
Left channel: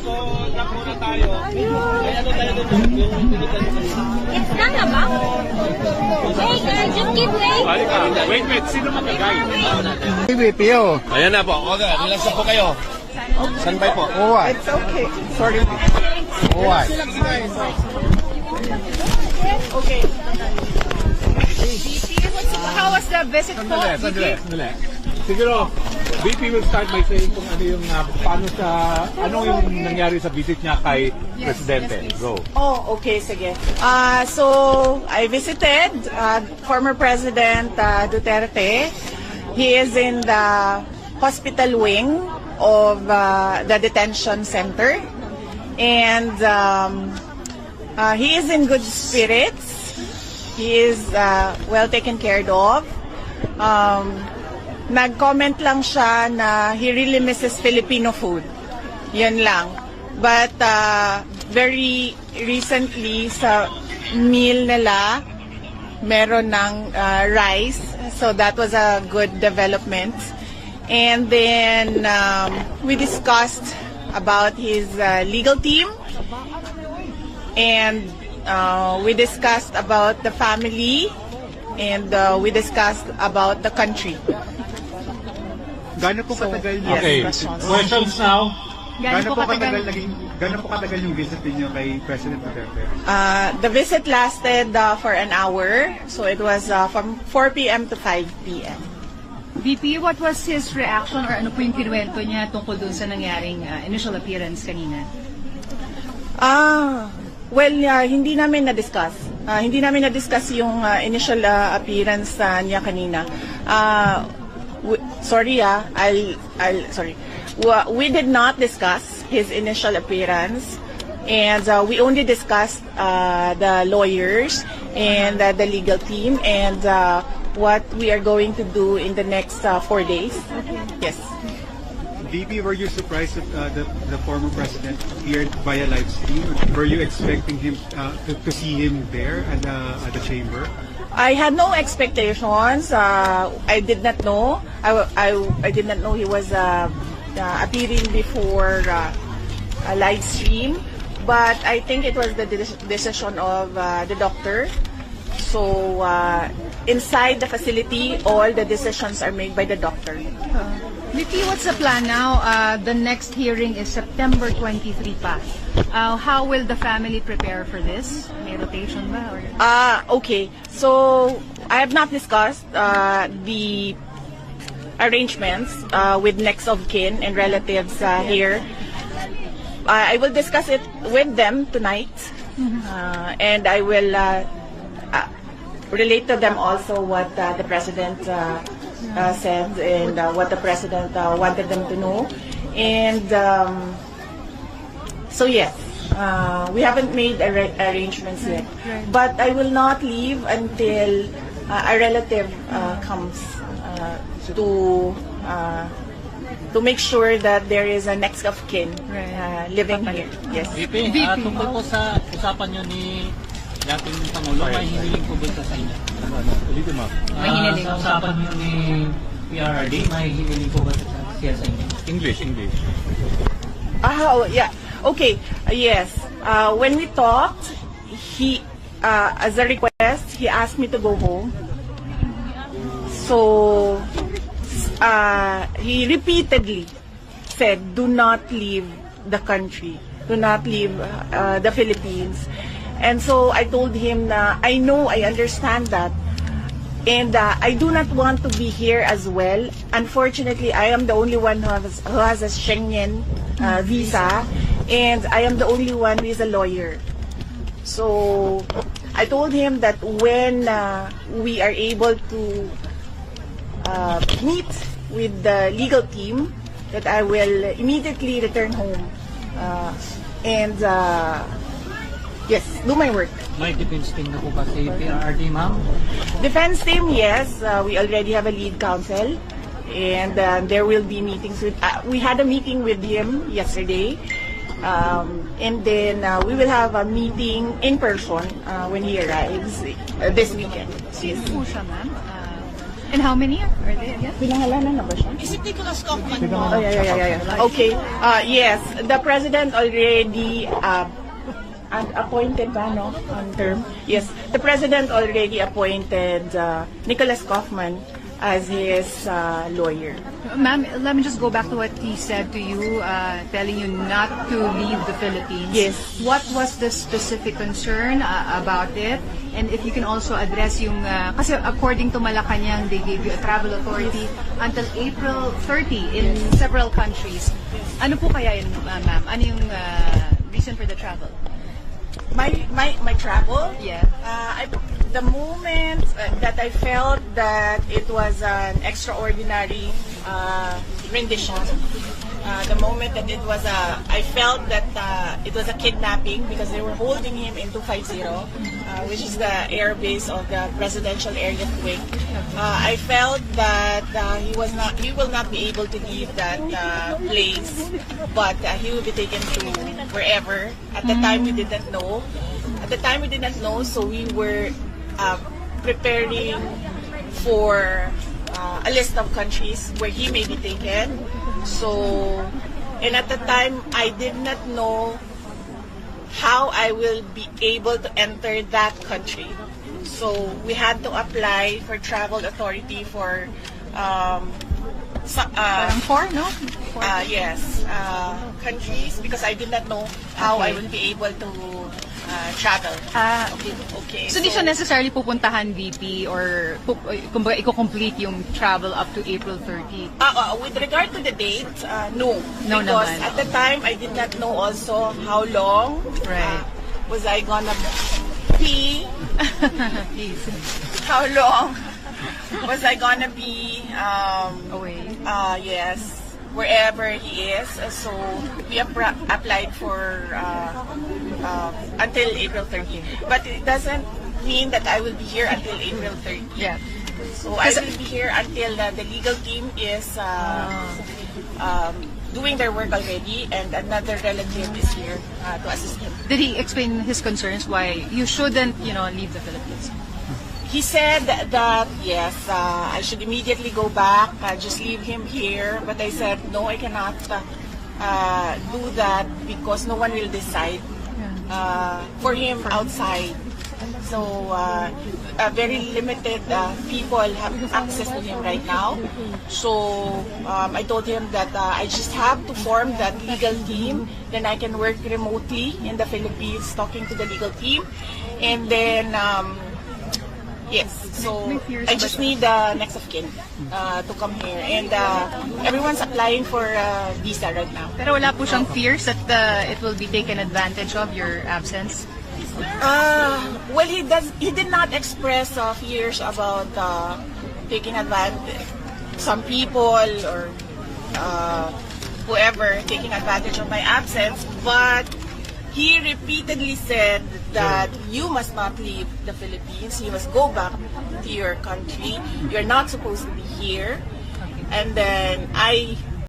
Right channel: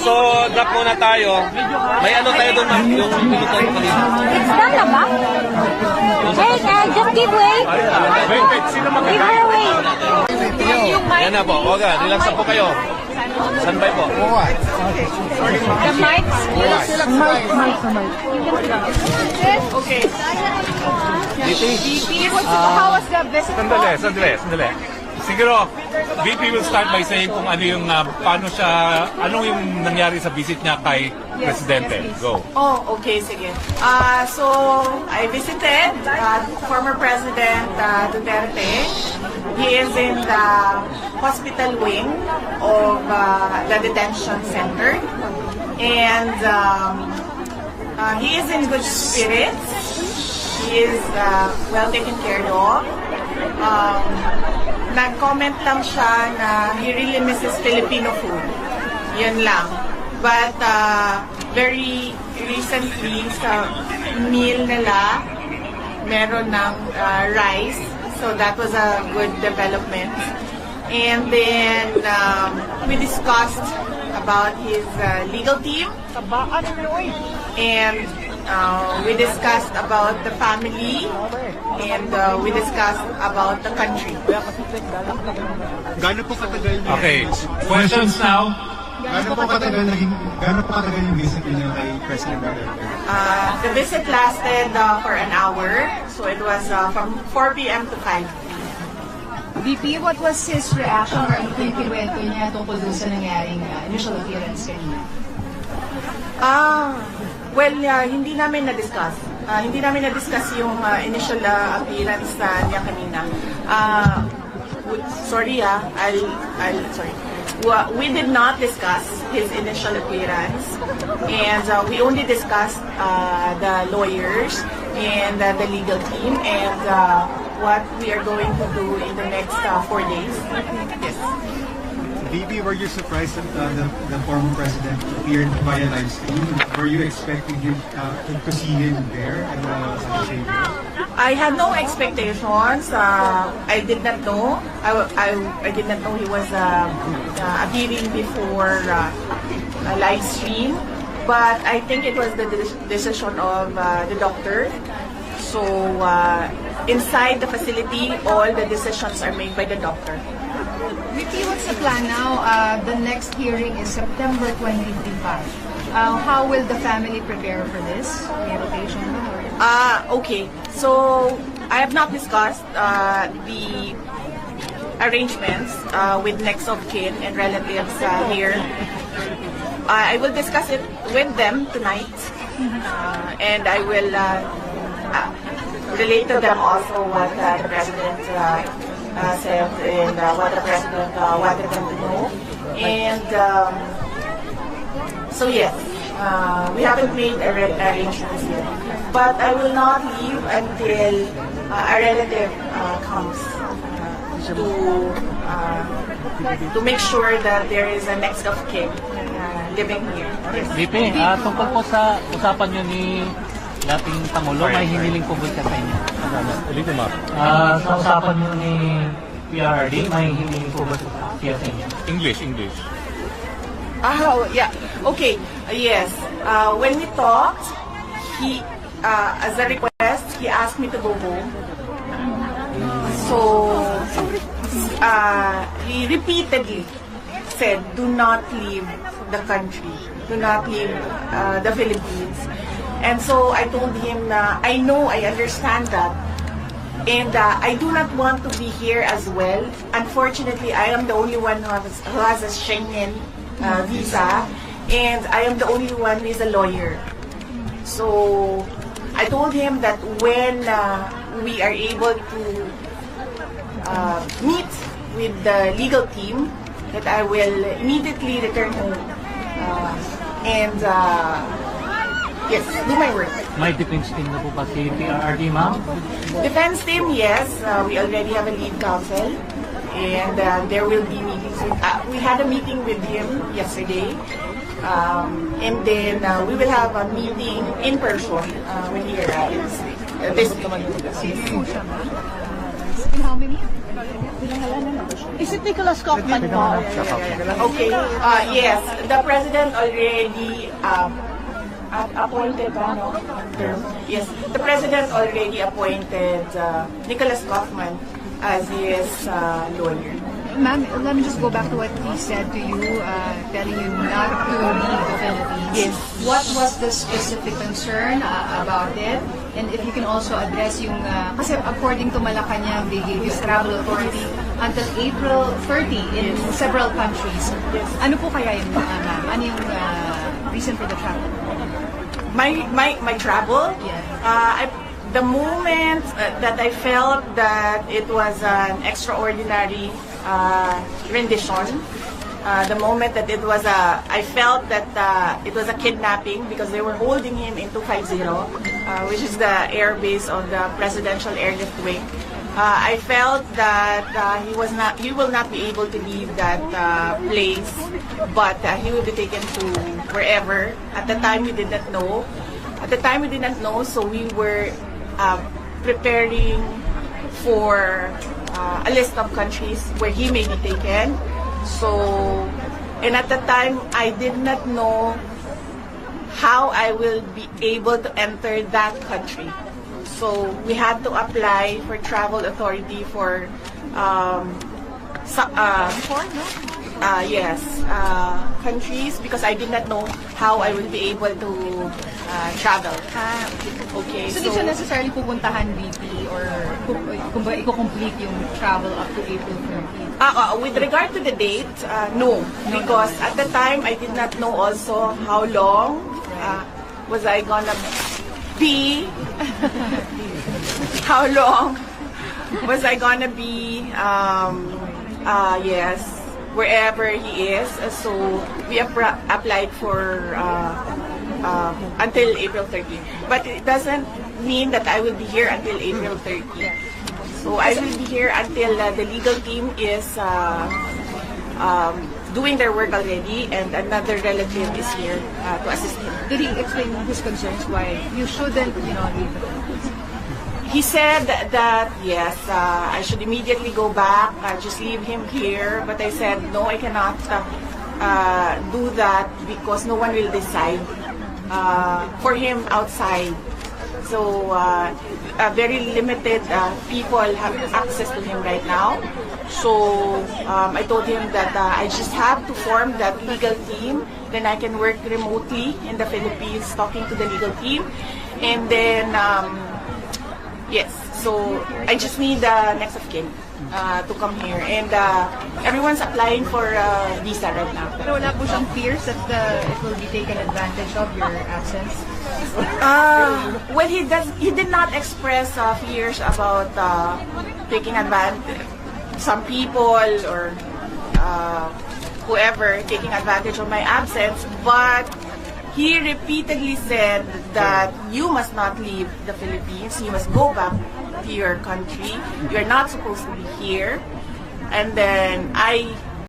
so drop muna tayo. May ano tayo doon, ma'am? It's done na ba? Hey, just give way. Wait, sino Give magkakain? her way. Ayan na po, okay, relax na po kayo. Standby po. The mic. Okay. VP, how was the visit po? Sandali. Siguro, VP will start by saying kung ano yung, paano siya, ano yung nangyari sa visit niya kay Presidente. yes, please. Go. Oh, okay, sige. So, I visited former President Duterte. He is in the hospital wing of the detention center. And he is in good spirits. He is well taken care of. Nag-comment lang siya na he really misses Filipino food. Yan lang. But very recently sa meal nila, meron ng rice. So that was a good development. And then we discussed about his legal team. And we discussed about the family. And we discussed about the country. Gano'n po katagal niya? Okay, questions now. Gano'n po katagal yung visit niyo kay President Duterte? The visit lasted for an hour. So it was from 4 p.m. to 5 p.m. VP, what was his reaction or ano po yung kinuwento niya tungkol dun sa nangyaring initial appearance kanina? Well, hindi namin na-discuss. Hindi namin na-discuss yung initial appearance niya kanina. Sorry, sorry. We did not discuss his initial appearance, and we only discussed the lawyers and the legal team and what we are going to do in the next 4 days. Yes. VP, were you surprised that the former president appeared via live stream? Were you expecting him to see him there at the chamber? I had no expectations. I did not know. I did not know he was appearing before a live stream. But I think it was the decision of the doctor. So inside the facility, all the decisions are made by the doctor. VP, what's the plan now? The next hearing is September 23 pa. How will the family prepare for this? May rotation ba? Okay. So I have not discussed the arrangements with next of kin and relatives here. I will discuss it with them tonight, and I will relate to them also what the president said and what the president wanted them to know. And so yes, we haven't made arrangements yet. But I will not leave until a relative comes to make sure that there is a next of kin living here. Yes. VP, tungkol po sa usapan nyo ni dating Pangulo, may hiniling po ba siya sa inyo? Sa usapan nyo ni PRRD, may hiniling po ba siya sa inyo? English. Oh, yeah. Okay. Yes. When we talked, he, as a request, he asked me to go home. So, he repeatedly said, do not leave the country. Do not leave the Philippines. And so I told him na I know, I understand that. And I do not want to be here as well. Unfortunately, I am the only one who has a Schengen visa. And I am the only one who is a lawyer. So I told him that when we are able to meet with the legal team, that I will immediately return home and yes, do my work. May defense team na po ba si PRRD, ma'am? Defense team, yes. We already have a lead counsel, and there will be meetings with. We had a meeting with him yesterday, and then we will have a meeting in person when he arrives this weekend. Yes. And how many are there again? Is it Nicholas Kaufman po? Okay. Yes, the president already appointed term. Yes, the president already appointed Nicholas Kaufman as his lawyer. Ma'am, let me just go back to what he said to you, telling you not to leave the Philippines. Yes. What was the specific concern about it? And if you can also address yung, kasi according to Malacanang, they gave this travel authority until April 30 in several countries. Ano po kaya yun, ma'am? Ano yung reason for the travel? My travel? Yeah. The moment that I felt that it was an extraordinary rendition, the moment that it was I felt that it was a kidnapping because they were holding him in 250, which is the air base of the presidential airlift wing. I felt that he will not be able to leave that place, but he will be taken to wherever. At the time we did not know. So we were preparing for a list of countries where he may be taken. So, and at the time, I did not know how I will be able to enter that country. So, we had to apply for travel authority for countries because I did not know how I would be able to travel. Okay. So, di siya necessarily pupuntahan VP or kumbaga i-complete yung travel up to April 30? With regard to the date, no. No Because naman. at the time, I did not know also how long Right. was I gonna be. How long was I gonna be, yes, wherever he is. So, we applied for until April 30. But it doesn't mean that I will be here until April 30. Yeah. So I will be here until the legal team is doing their work already and another relative is here to assist him. Did he explain his concerns why you shouldn't, leave the Philippines? He said that yes, I should immediately go back, just leave him here. But I said, no, I cannot do that because no one will decide for him outside. So very limited people have access to him right now. So I told him that I just have to form that legal team. Then I can work remotely in the Philippines talking to the legal team. And then, yes, so I just need the next of kin to come here. And everyone's applying for visa right now. Pero wala po siyang fears that it will be taken advantage of, your absence? Well, he did not express fears about taking advantage. Some people or whoever taking advantage of my absence, but he repeatedly said that you must not leave the Philippines. You must go back to your country. You're not supposed to be here. And then I